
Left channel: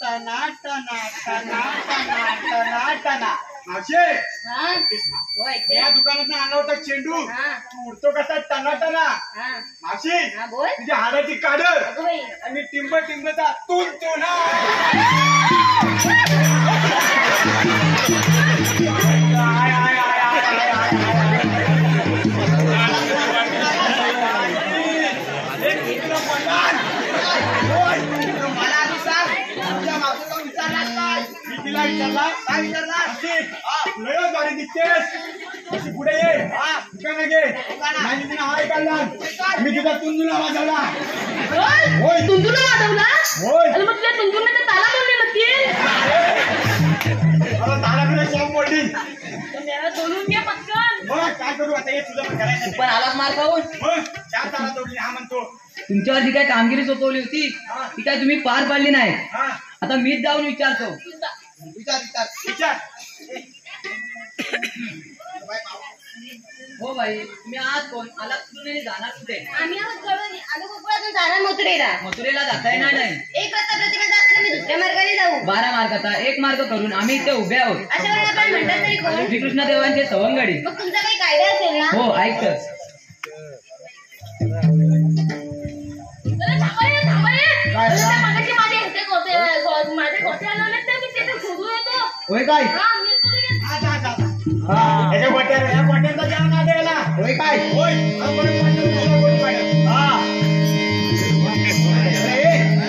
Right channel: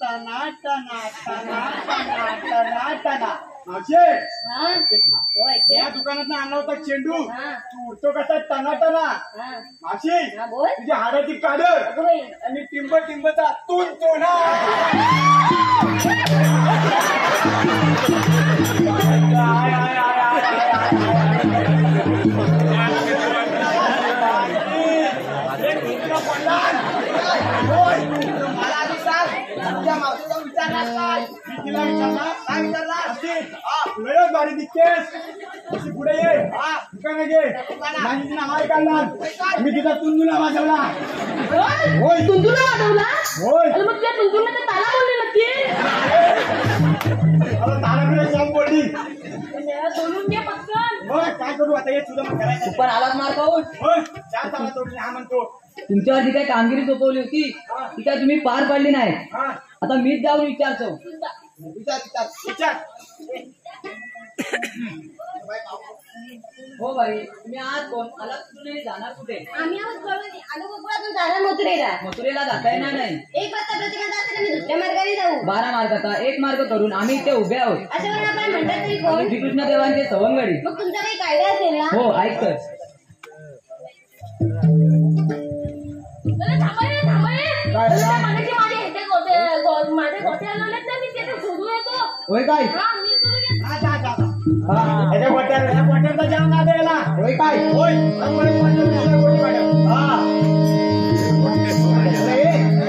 टना टना टना टना टना टना मावशे हा तेच ना. हो ऐकते. या दुकानात आणला होता चेंडू हा तू उठतो कसा टना टना हा मावशी हा बोल. तुझी हाडाची काढ अगं बाई. आणि टिंब टिंबचा तून तो ना I, I, I, I, I, I, मला आधी सांग तुझ्या मावशीला विचारला काय मी तिला विचारला काय विचारला लयच भारी दिसतेस अशी पुढे ये हा दुकान घे माझी तिने हाय काढला मी तिचा तुंदुला वाजवला होय तुंतुला वाजवला होय अरे मग तुझ्या तुंतुला ताला बोलले नक्की मला तालाकडे शॉप पडली मेरा बोलून घे पटकन. होय काय करू आता हे तुझं पण तू करायचं पण आलाच मार खाऊन. होय चार ताला तोडली हा म्हणतो तुमच्यावर जी काय कामगिरी सोपवली होती ती काय तुम्ही पार पाडली नाही. हा आता मीच जाऊन विचारतो. विचार विचार विचार हो भाई तुम्ही आज कोण आलात कुठून आणि जाणार कुठे? आम्ही आहोत कळून आलो कोकणातून जाणार मथुरेला. मथुरेला जाता येणार नाही. एक रस्ता प्रतिबंध असताना मी दुसऱ्या मार्गाने जाऊ 12 मार्गाचा एक मार्ग करून आम्ही इथे उभे आहोत. अशा वेळेला आपण म्हणतात तरी कोण. श्रीकृष्ण देवांचे सवंगडी. मग तुमचा काही कायदा असेल ना. हो ऐकतच. अरे थांबा ये, थांबा ये. अरे त्या मागाशी माझे गोटे आलेले ना मी तिथे शोधून येतो. होय काय? हा मी तुला घेतो. हा जा जा याच्या गोट्याचा जेवण आले याला होय काय होय हा म्हणून म्हणतो तुला गोटी मॅडम हा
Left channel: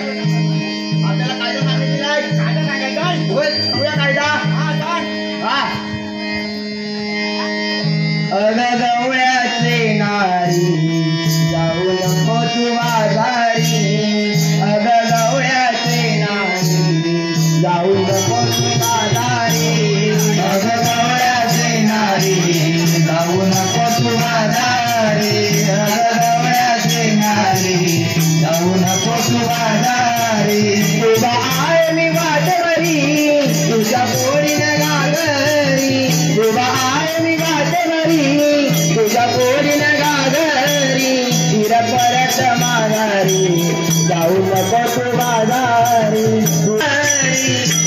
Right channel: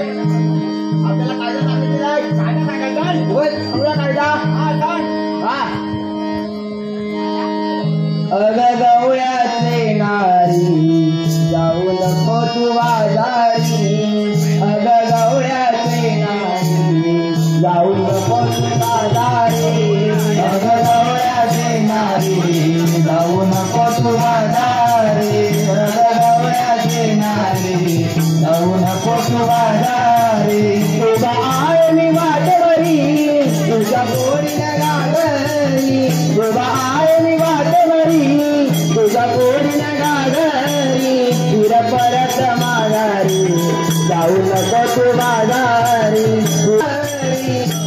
आपल्याला कायदा सांगितलेला कायदा सांगायचा होय सगळा कायदा हा सांग हा अग गवळ्याचे नारी जाऊ नको तू बाजारी अग गवळ्याचे नारी जाऊ नको तू बाजारी अग गवळ्याचे नारी जाऊ नको तू बाजारी अग गवळ्याचे नारी जाऊ नको तू बाजारी तुझा आय मी वाटवरी तुझ्या पोरीनं गागरी तुझा आय मी वाटवरी तुझ्या पोरीनं गागरी फिर परत माघारी जाऊ नको तू बाजारी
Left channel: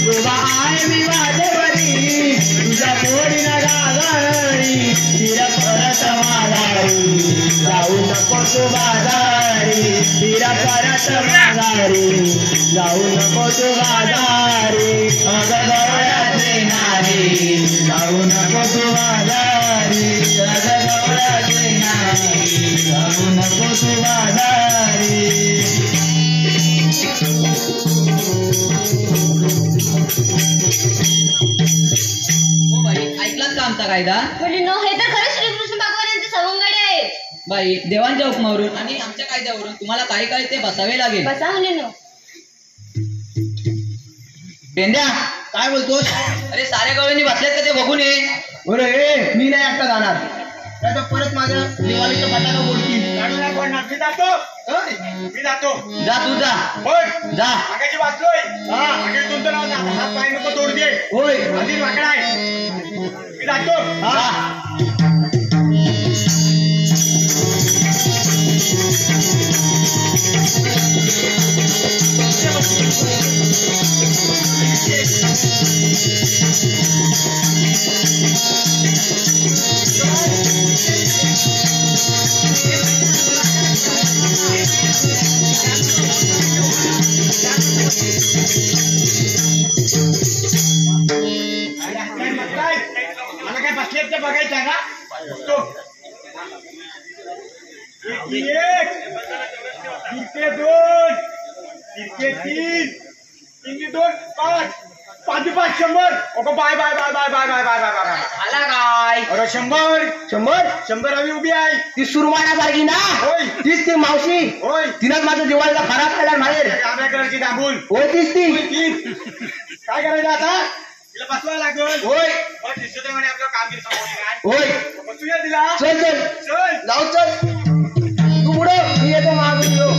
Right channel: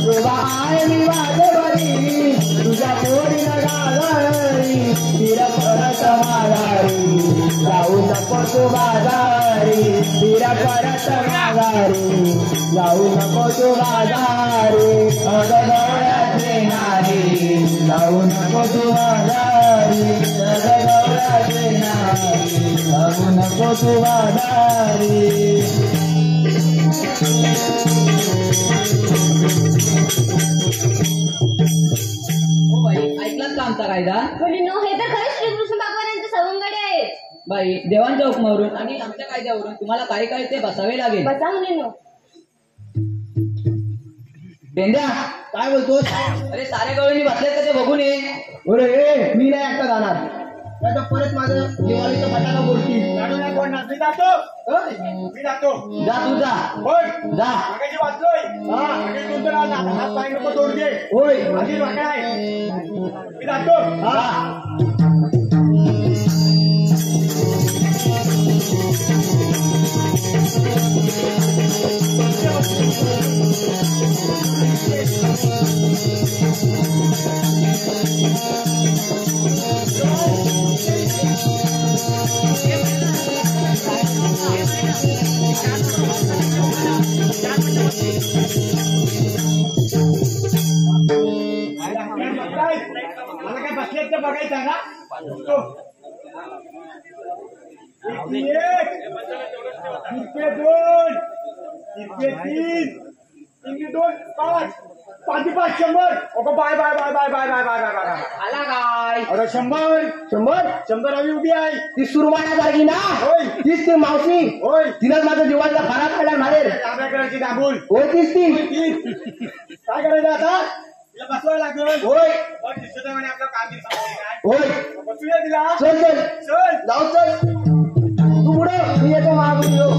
तुझा आय मी वाटवरी तुझ्या पोरीनं गागरी फिर परत माघारी जाऊ नको तू बाजारी फिर परत माघारी जाऊ नको तू बाजारी अग गवळ्याचे नारी जाऊ नको तू बाजारी अग गवळ्याचे नारी जाऊ नको तू बाजारी हो बाई ऐकलात का आमचा कायदा? मुलींनो हे तर खरंच श्रीकृष्ण भगवान यांचे सवंगडी आहेत. बाई देवांच्या हुकमावरून आणि आमच्या कायद्यावरून तुम्हाला काही काळ ते बसावे लागेल. बसा मुलींनो. पेंड्या काय बोलतोस अरे साऱ्या गवळणी बसलेत का ते बघून ये. अरे मी नाही एकटा जाणार नाही तर परत माझ्या दिवाळीचं फटाका फोडतील. गाडी नाही पडणार. मी जातो. मी जातो. जा तू जा पण जा. मागाची वाचलोय. मागे तुमचं नाव ना. हात पाय नको तोड दे. होय आधी वाकडा आहे. मी जातो. मला काय बसलेत ते बघायचं का? बघतो. एक तिरके दोन तिरके तीन तिरके दोन पाच पाच पाच 100. Okay bye bye bye bye bye bye bye bye bye. आला काय अरे 100 हवी उभी आहे. ती सुरमाण्यासारखी ना होय तीच ती मावशी. होय तिनंच माझं दिवाळीला खराब केला बाहेर. डाव्या कलरची दाबून होय तीच ती. तीन. काय करायचं आता? तिला बसवायला लागल. होय मग दिसत म्हणे आपलं कामगिरी समोर काय होय बसूया तिला. चल चल चल जाऊ चल. तू पुढे मी येतो मागून येऊ.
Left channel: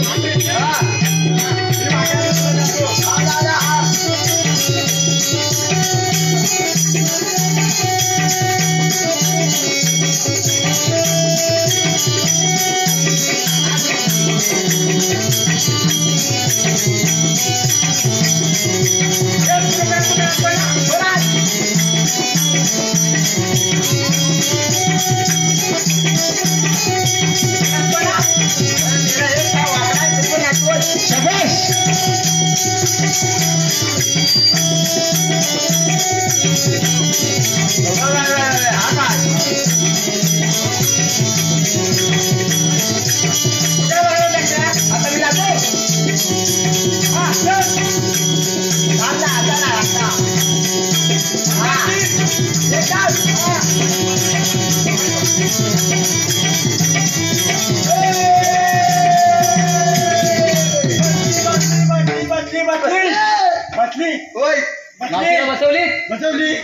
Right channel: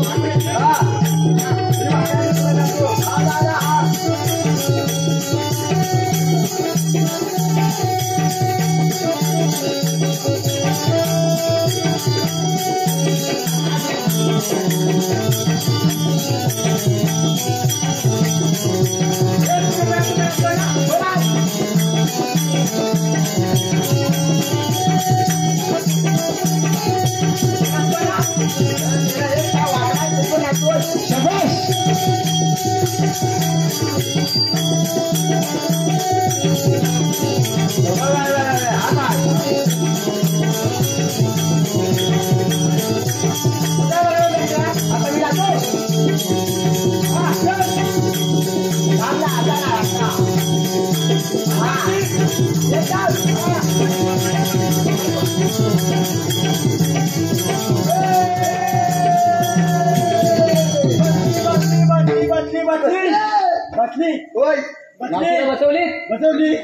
बसली होय मावशीला बसवली. बसवली.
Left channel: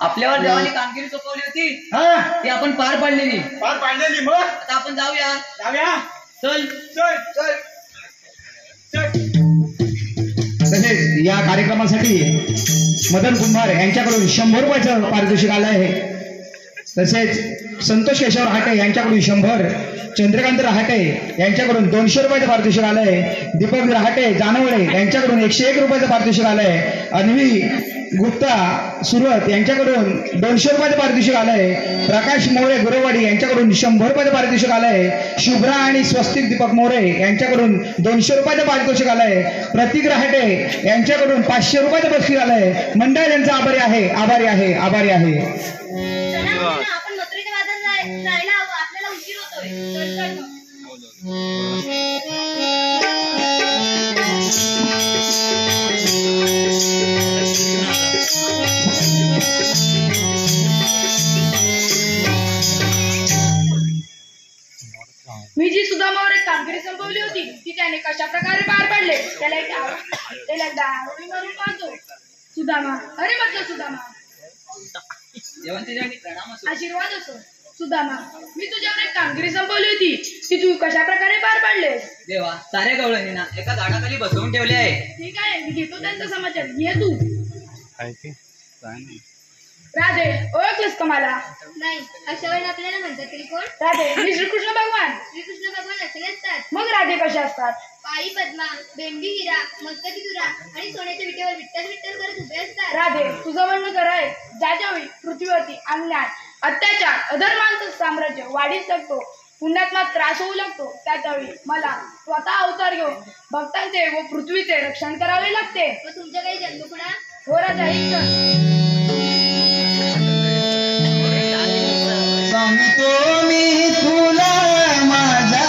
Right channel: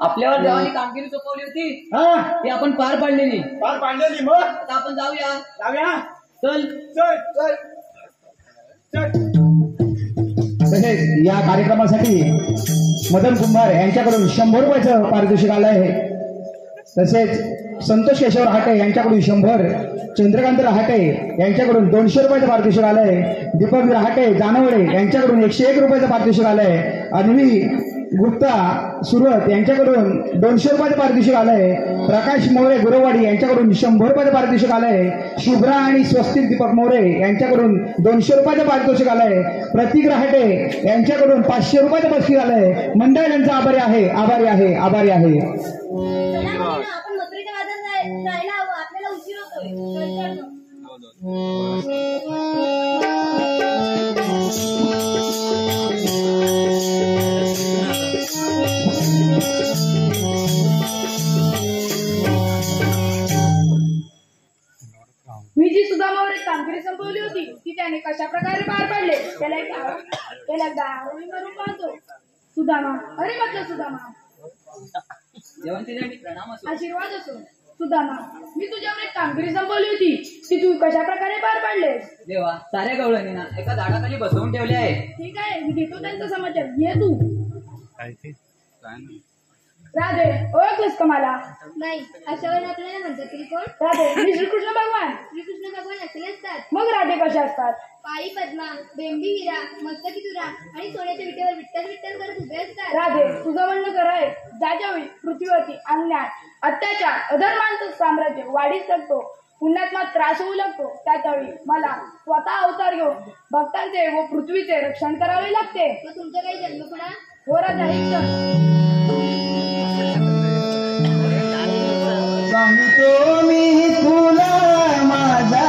आपल्यावर देवानी कामगिरी सोपवली होती हा ती आपण पार पाडलेली. पार पाडलेली. मग आता आपण जाऊया. जाऊया. चल चल चल चल. तसेच या कार्यक्रमासाठी मदन कुंभार यांच्याकडून 100 रुपयाचं पारितोषिक आलं आहे. तसेच संतोष केशव रहाटे यांच्याकडून 100, चंद्रकांत रहाटे यांच्याकडून 200 रुपयाचं पारितोषिक आलं आहे. दीपक रहाटे जानवडे यांच्याकडून 101 रुपयाचं पारितोषिक आलं आहे. अन्वी गुप्ता सुरत यांच्याकडून 200 रुपयाचं पारितोषिक आलं आहे. प्रकाश मोरे गुरवाडी यांच्याकडून 100 रुपयाचं पारितोषिक आलं आहे. शुभ्रा आणि स्वस्तिक दीपक मोरे यांच्याकडून 200 रुपयाचं पारितोषिक आलं आहे. प्रतीक रहाटे यांच्याकडून 500 रुपयाचं बक्षीस आलं आहे. मंडळ यांचा आभारी आहे, आभारी आहे, आभारी आहे. आपण मथुरेच्या बाजारात जायला हवं. आपल्याला उशीर होतोय. चल चल मग. मी जी सुदामावर एक कामगिरी संपवली होती ती त्याने कशा प्रकारे पार पाडले त्याला एकदा आरोळी मारून पाहतो. सुदामा, अरे म्हटलं सुदामा, प्रणाम असो. आशीर्वाद असो. सुदामा, मी तुझ्यावर एक कामगिरी संपवली होती ती तू कशा प्रकारे पार पाडले? देवा, साऱ्या गवळणींना एका झाडाखाली बसवून ठेवले आहे. ठीक आहे, मी घेतो त्यांचा समाचार. ये तू. राधे, ओळखलंस का मला? नाही, अशा वेळेला आपल्याला म्हणतात तरी कोण? राधे, मी श्रीकृष्ण भगवान. श्रीकृष्ण भगवान असे नसतात. मग राधे कशा असतात? पायी पद्मा, बेंबी हिरा, मस्तकी तुरा आणि सोन्याच्या विटेवर विठ्ठल विठ्ठल करत उभे असतात. राधे, तुझं म्हणणं खरं आहे. ज्याच्यावेळी पृथ्वीवरती अन्याय, अत्याचार, अधर्मांचं साम्राज्य वाढीत लागतो, पुण्यात्मा त्रास होऊ लागतो, त्याच्यावेळी मला स्वतः अवतार घेऊन भक्तांचे व पृथ्वीचे रक्षण करावे लागते. मग तुमच्या काही जन्मकुणा? हो राजा, ऐक. सांगतो मी तुला माझा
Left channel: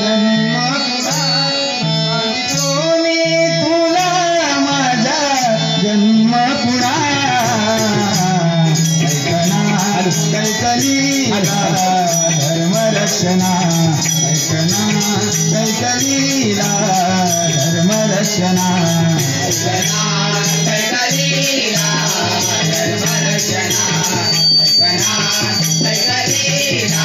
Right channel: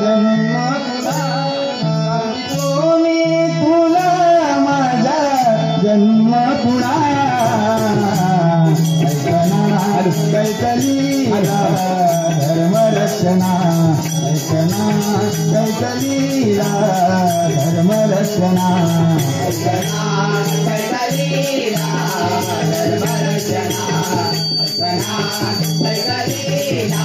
जन्म, सांगतो मी तुला माझा जन्म पुरा. कैकलीला धर्म रक्षणा, ऐकना कैकलीला धर्म रक्षणा, ऐकना कैकलीला धर्म रक्षणा, ऐकना कैकलीला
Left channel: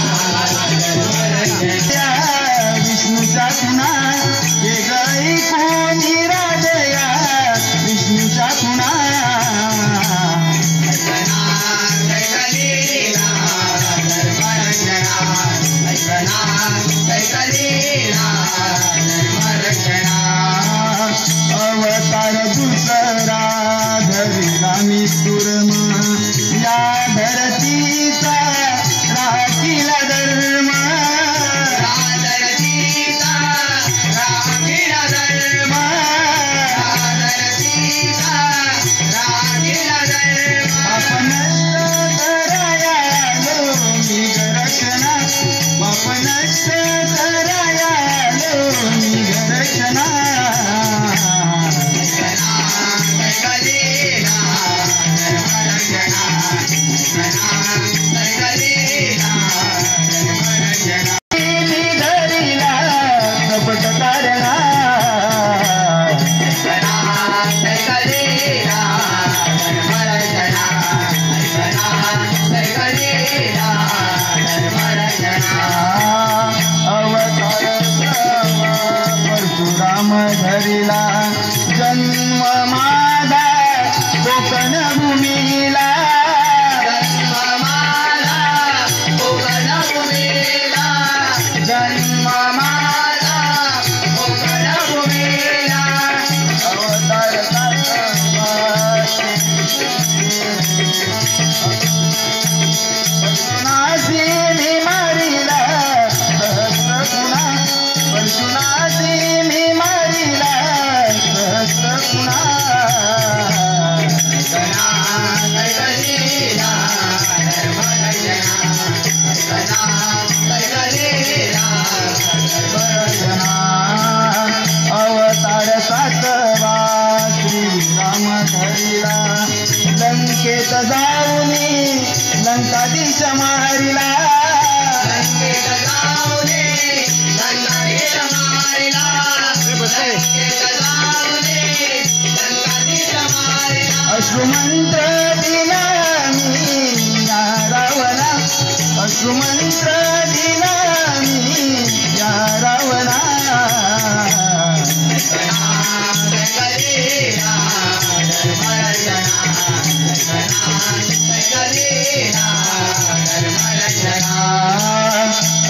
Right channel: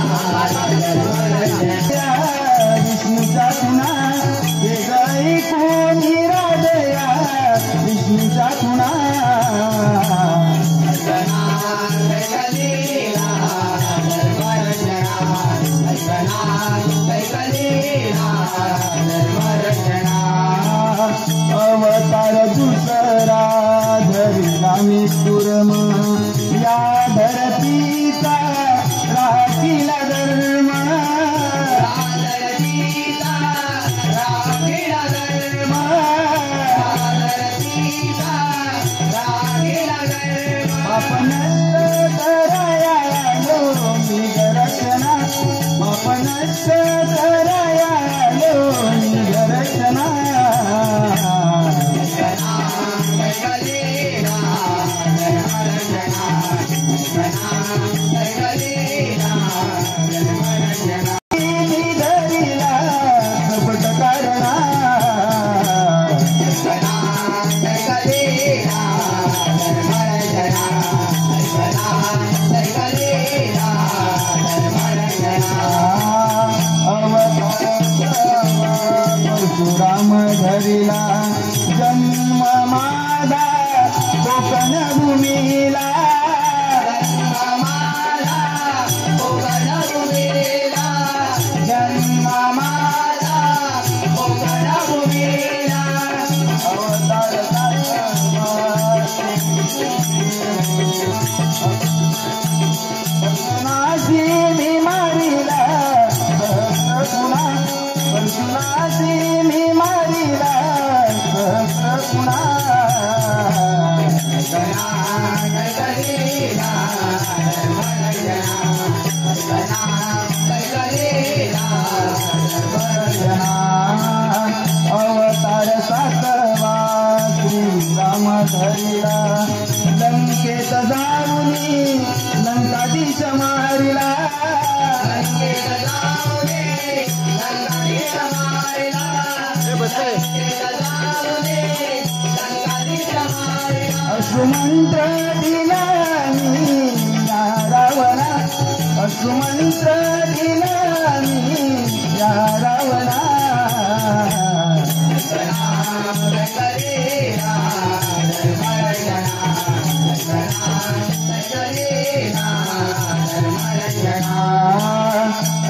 अश्रुमंत्र दिला मी या रावणा अश्रुमंत्र दिला मी या रावणा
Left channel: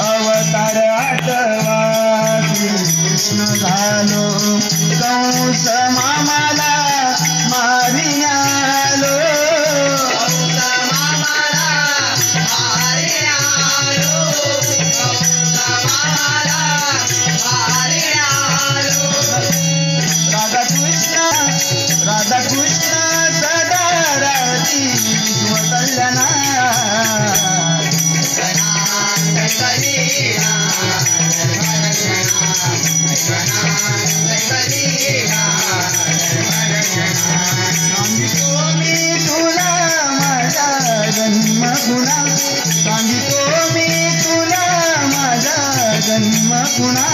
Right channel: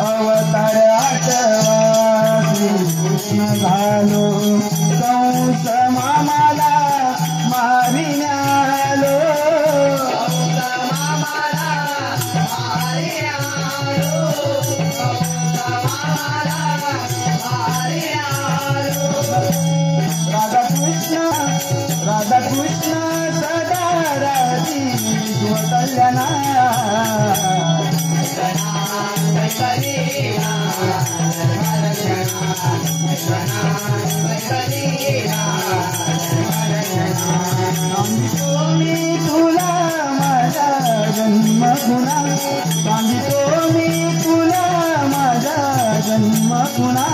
अवतार आठवा श्रीकृष्ण झालो कंस मामाला मारियालो राधा कृष्ण सदा राधी स्वतःना सांगितो मी तुला माझा जन्मगुणा सांगितो मी तुला माझा जन्मगुणा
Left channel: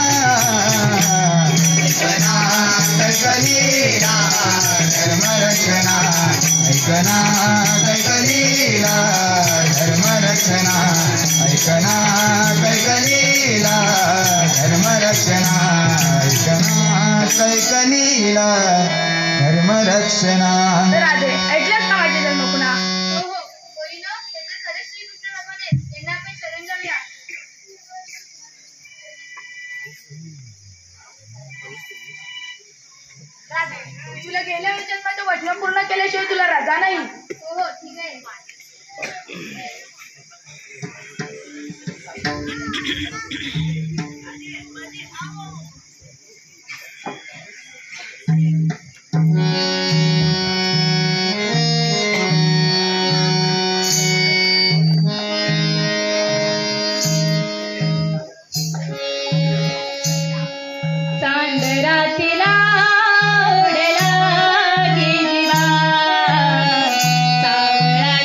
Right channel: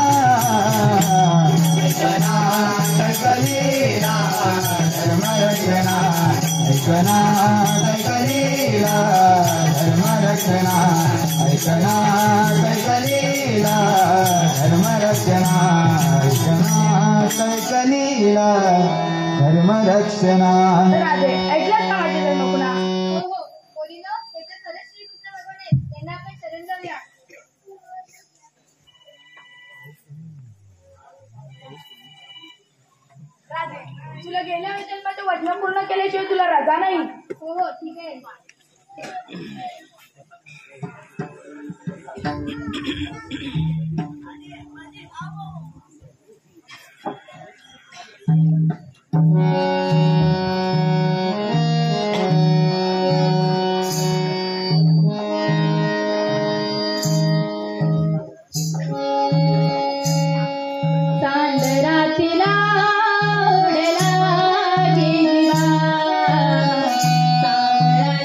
कैकलीला धर्मरक्षणा ऐकना कैकलीला धर्मरक्षणा ऐकना कैकलीला धर्मरक्षणा ऐकना कैकलीला धर्मरक्षणा. राधे ऐकलंच ना माझे जन्मगुणा. हो हो पोरीनो, हे तर खरंच श्रीकृष्ण भगवान आहेत. त्यांना आपण शरण जाऊया. राधे तुला गेल्या जन्माचं वचन पूर्ण केल्याशिवाय तुला रजा नाही. हो हो ठीक आहे.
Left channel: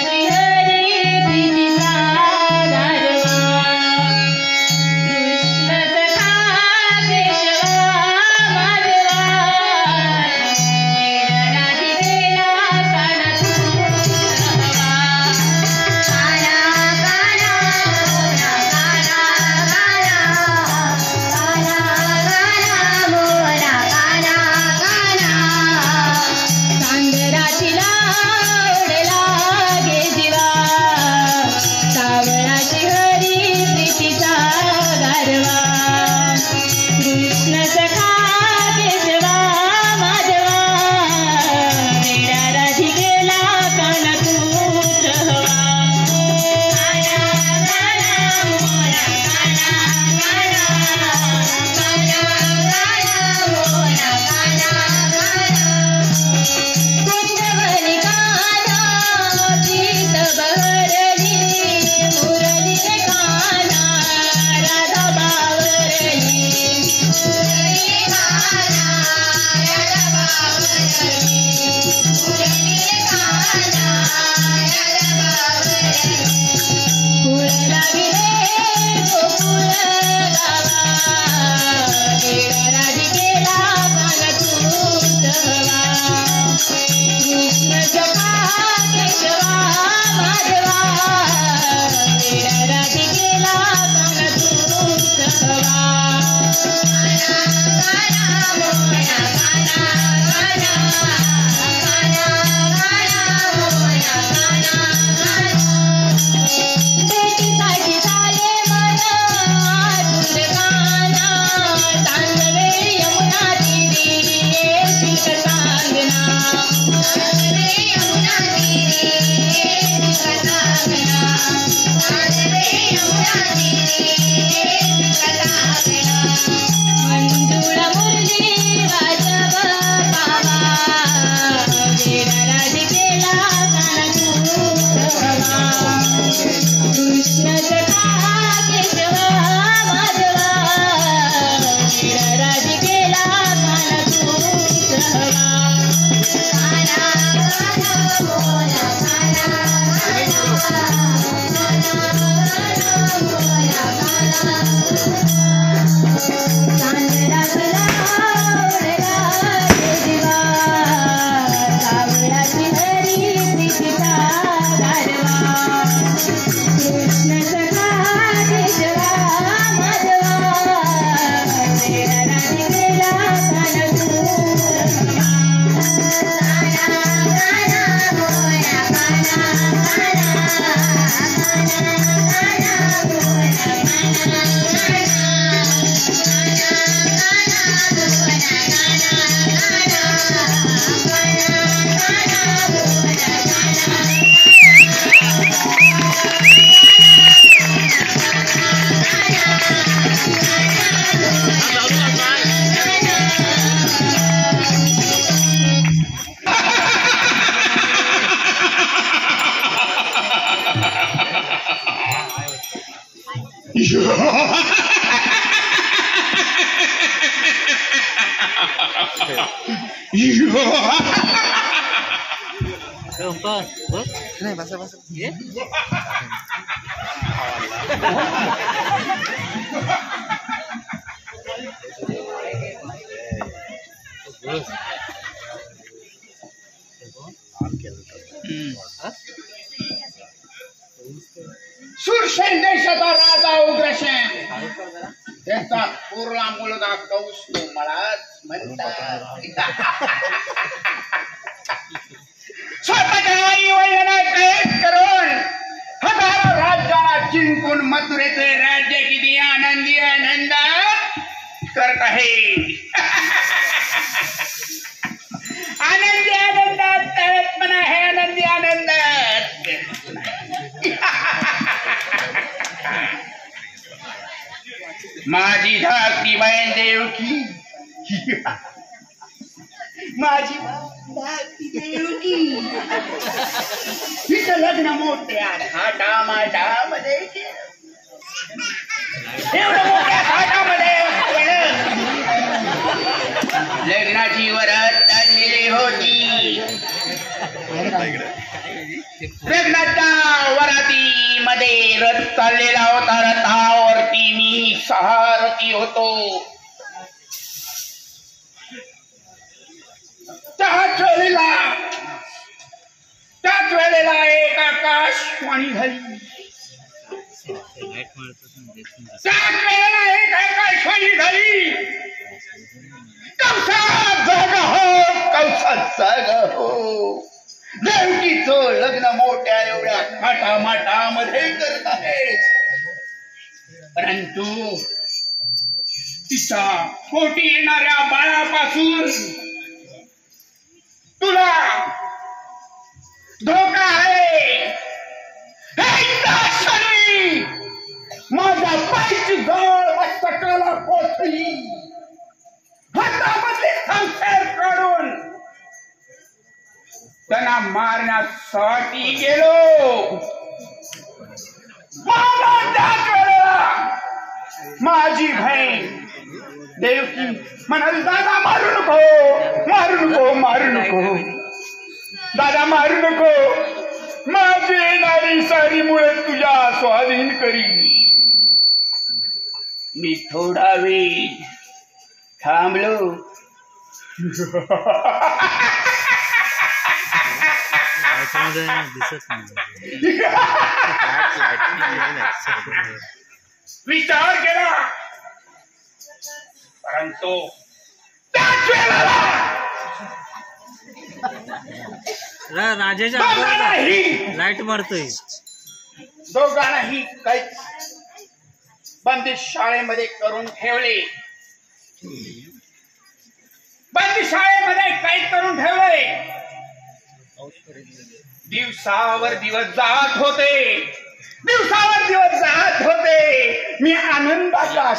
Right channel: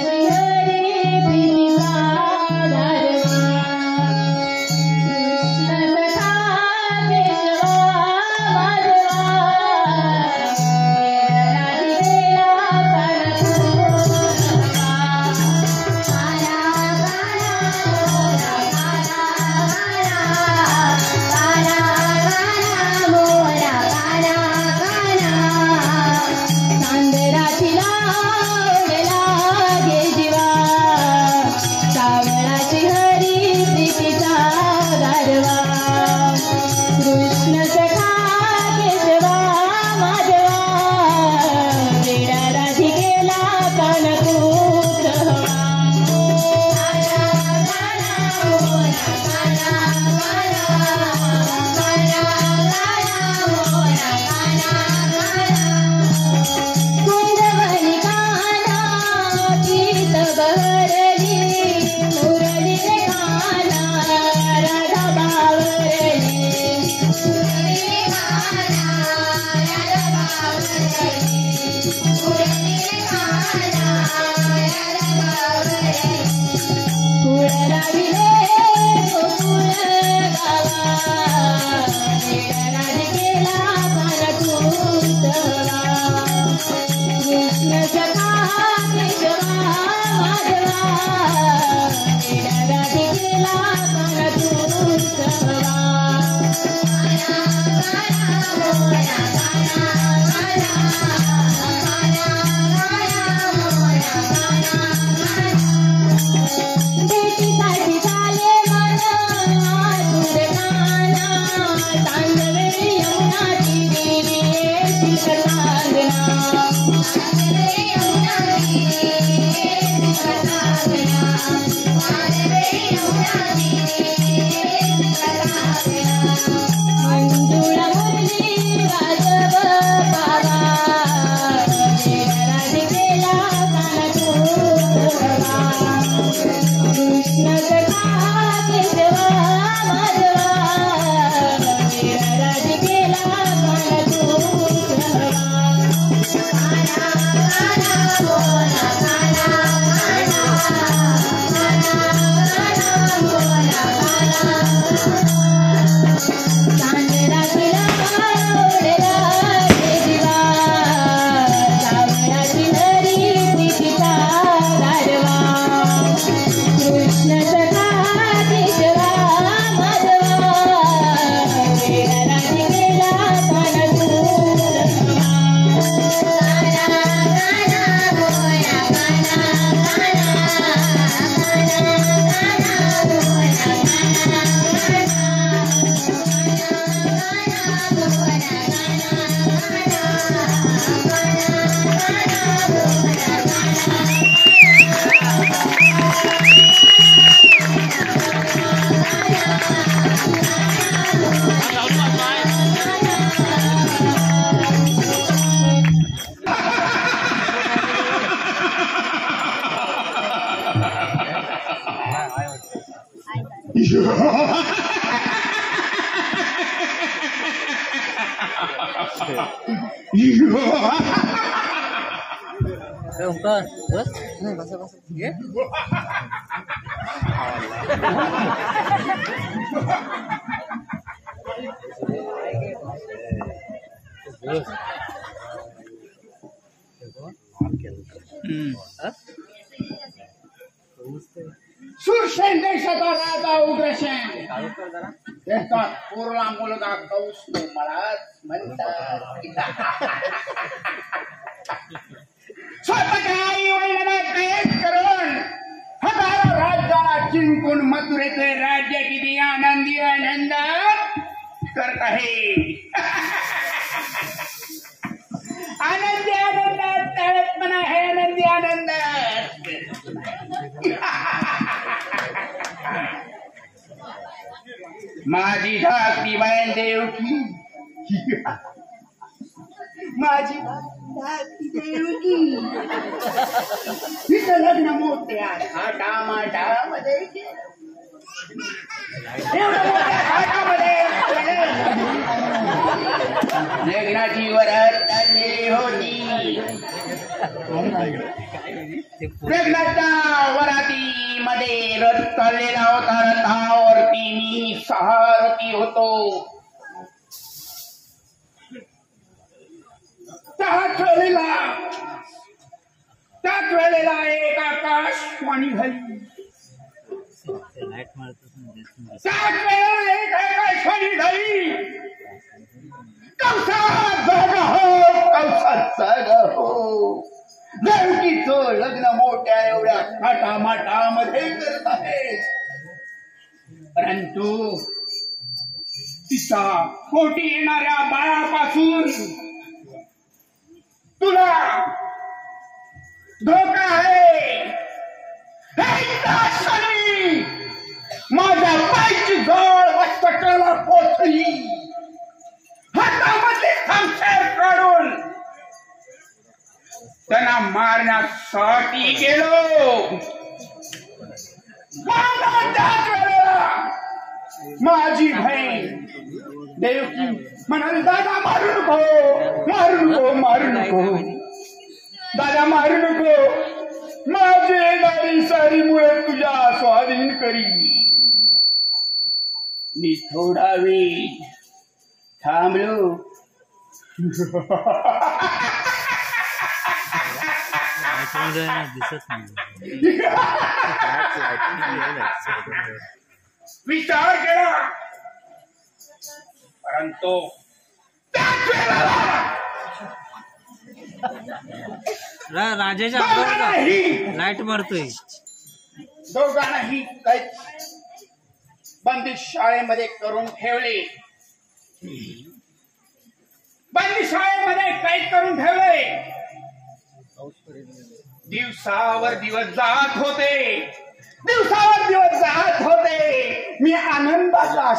श्री हरी नाही बसा बसा सुरसेन देशाचा राजा उग्रसेन त्याचा पोरला मुलगा कौस तो मलाच म्हणतात. स्वतःच्या आई वडिलांना कैद करून हजारो राज्याला जिंकून मथुरेचे राज्य किती आनंदी आनंद करत आहे. आनंदी आनंदात तळत पण आहे आनंदी आनंदात. माझी धाकटी बहीण देवकी माझी धाकटी देवकी हिचं लग्न मोठ्या थाटामाटामध्ये केलं. एवढं मोठ्या थाटामध्ये लग्नाची वरात चाललेली होती. लग्नाच्या वरातीमध्ये रथ चाललेला होता. रथावरती मी सारथी होतो. त्याच वेळेला एक आकाशवाणी झाली. त्याच वेळेला एक आकाशवाणी झाली. कौसात जागा हो, कौसात जागा हो. देवकीचं लग्न मोठ्या एवढ्या थाटामाटामध्ये करत आहे. परंतु तिच्या पोटी येणाऱ्या बाळापासून तुला धोका आहे. माझ्या पायची जवळ मस्तकाला पोचली. हातामध्ये खांबेर काढून त्यांना मारण्यासाठी गेलो. माझी बहीण देवकी म्हणाली दादा मारू नको, मारू नको, मारू नको, दादा मारू नको. माझी येणारी सारी मुळे तुझ्या स्वाधीन करी. मी थोडा वेळ थांबलो. विचार केला परंतु त्याच वेळेला राजाच्या लाईट मारतोय. दोघांनाही काही बंदिश शाळेमध्ये करून ठेवले. बंदिश शाळेमध्ये कैद करून ठेवले. दिवसावर दिवस जात होते. दिवसावर दिवस जात होते. मी आनंदाच्या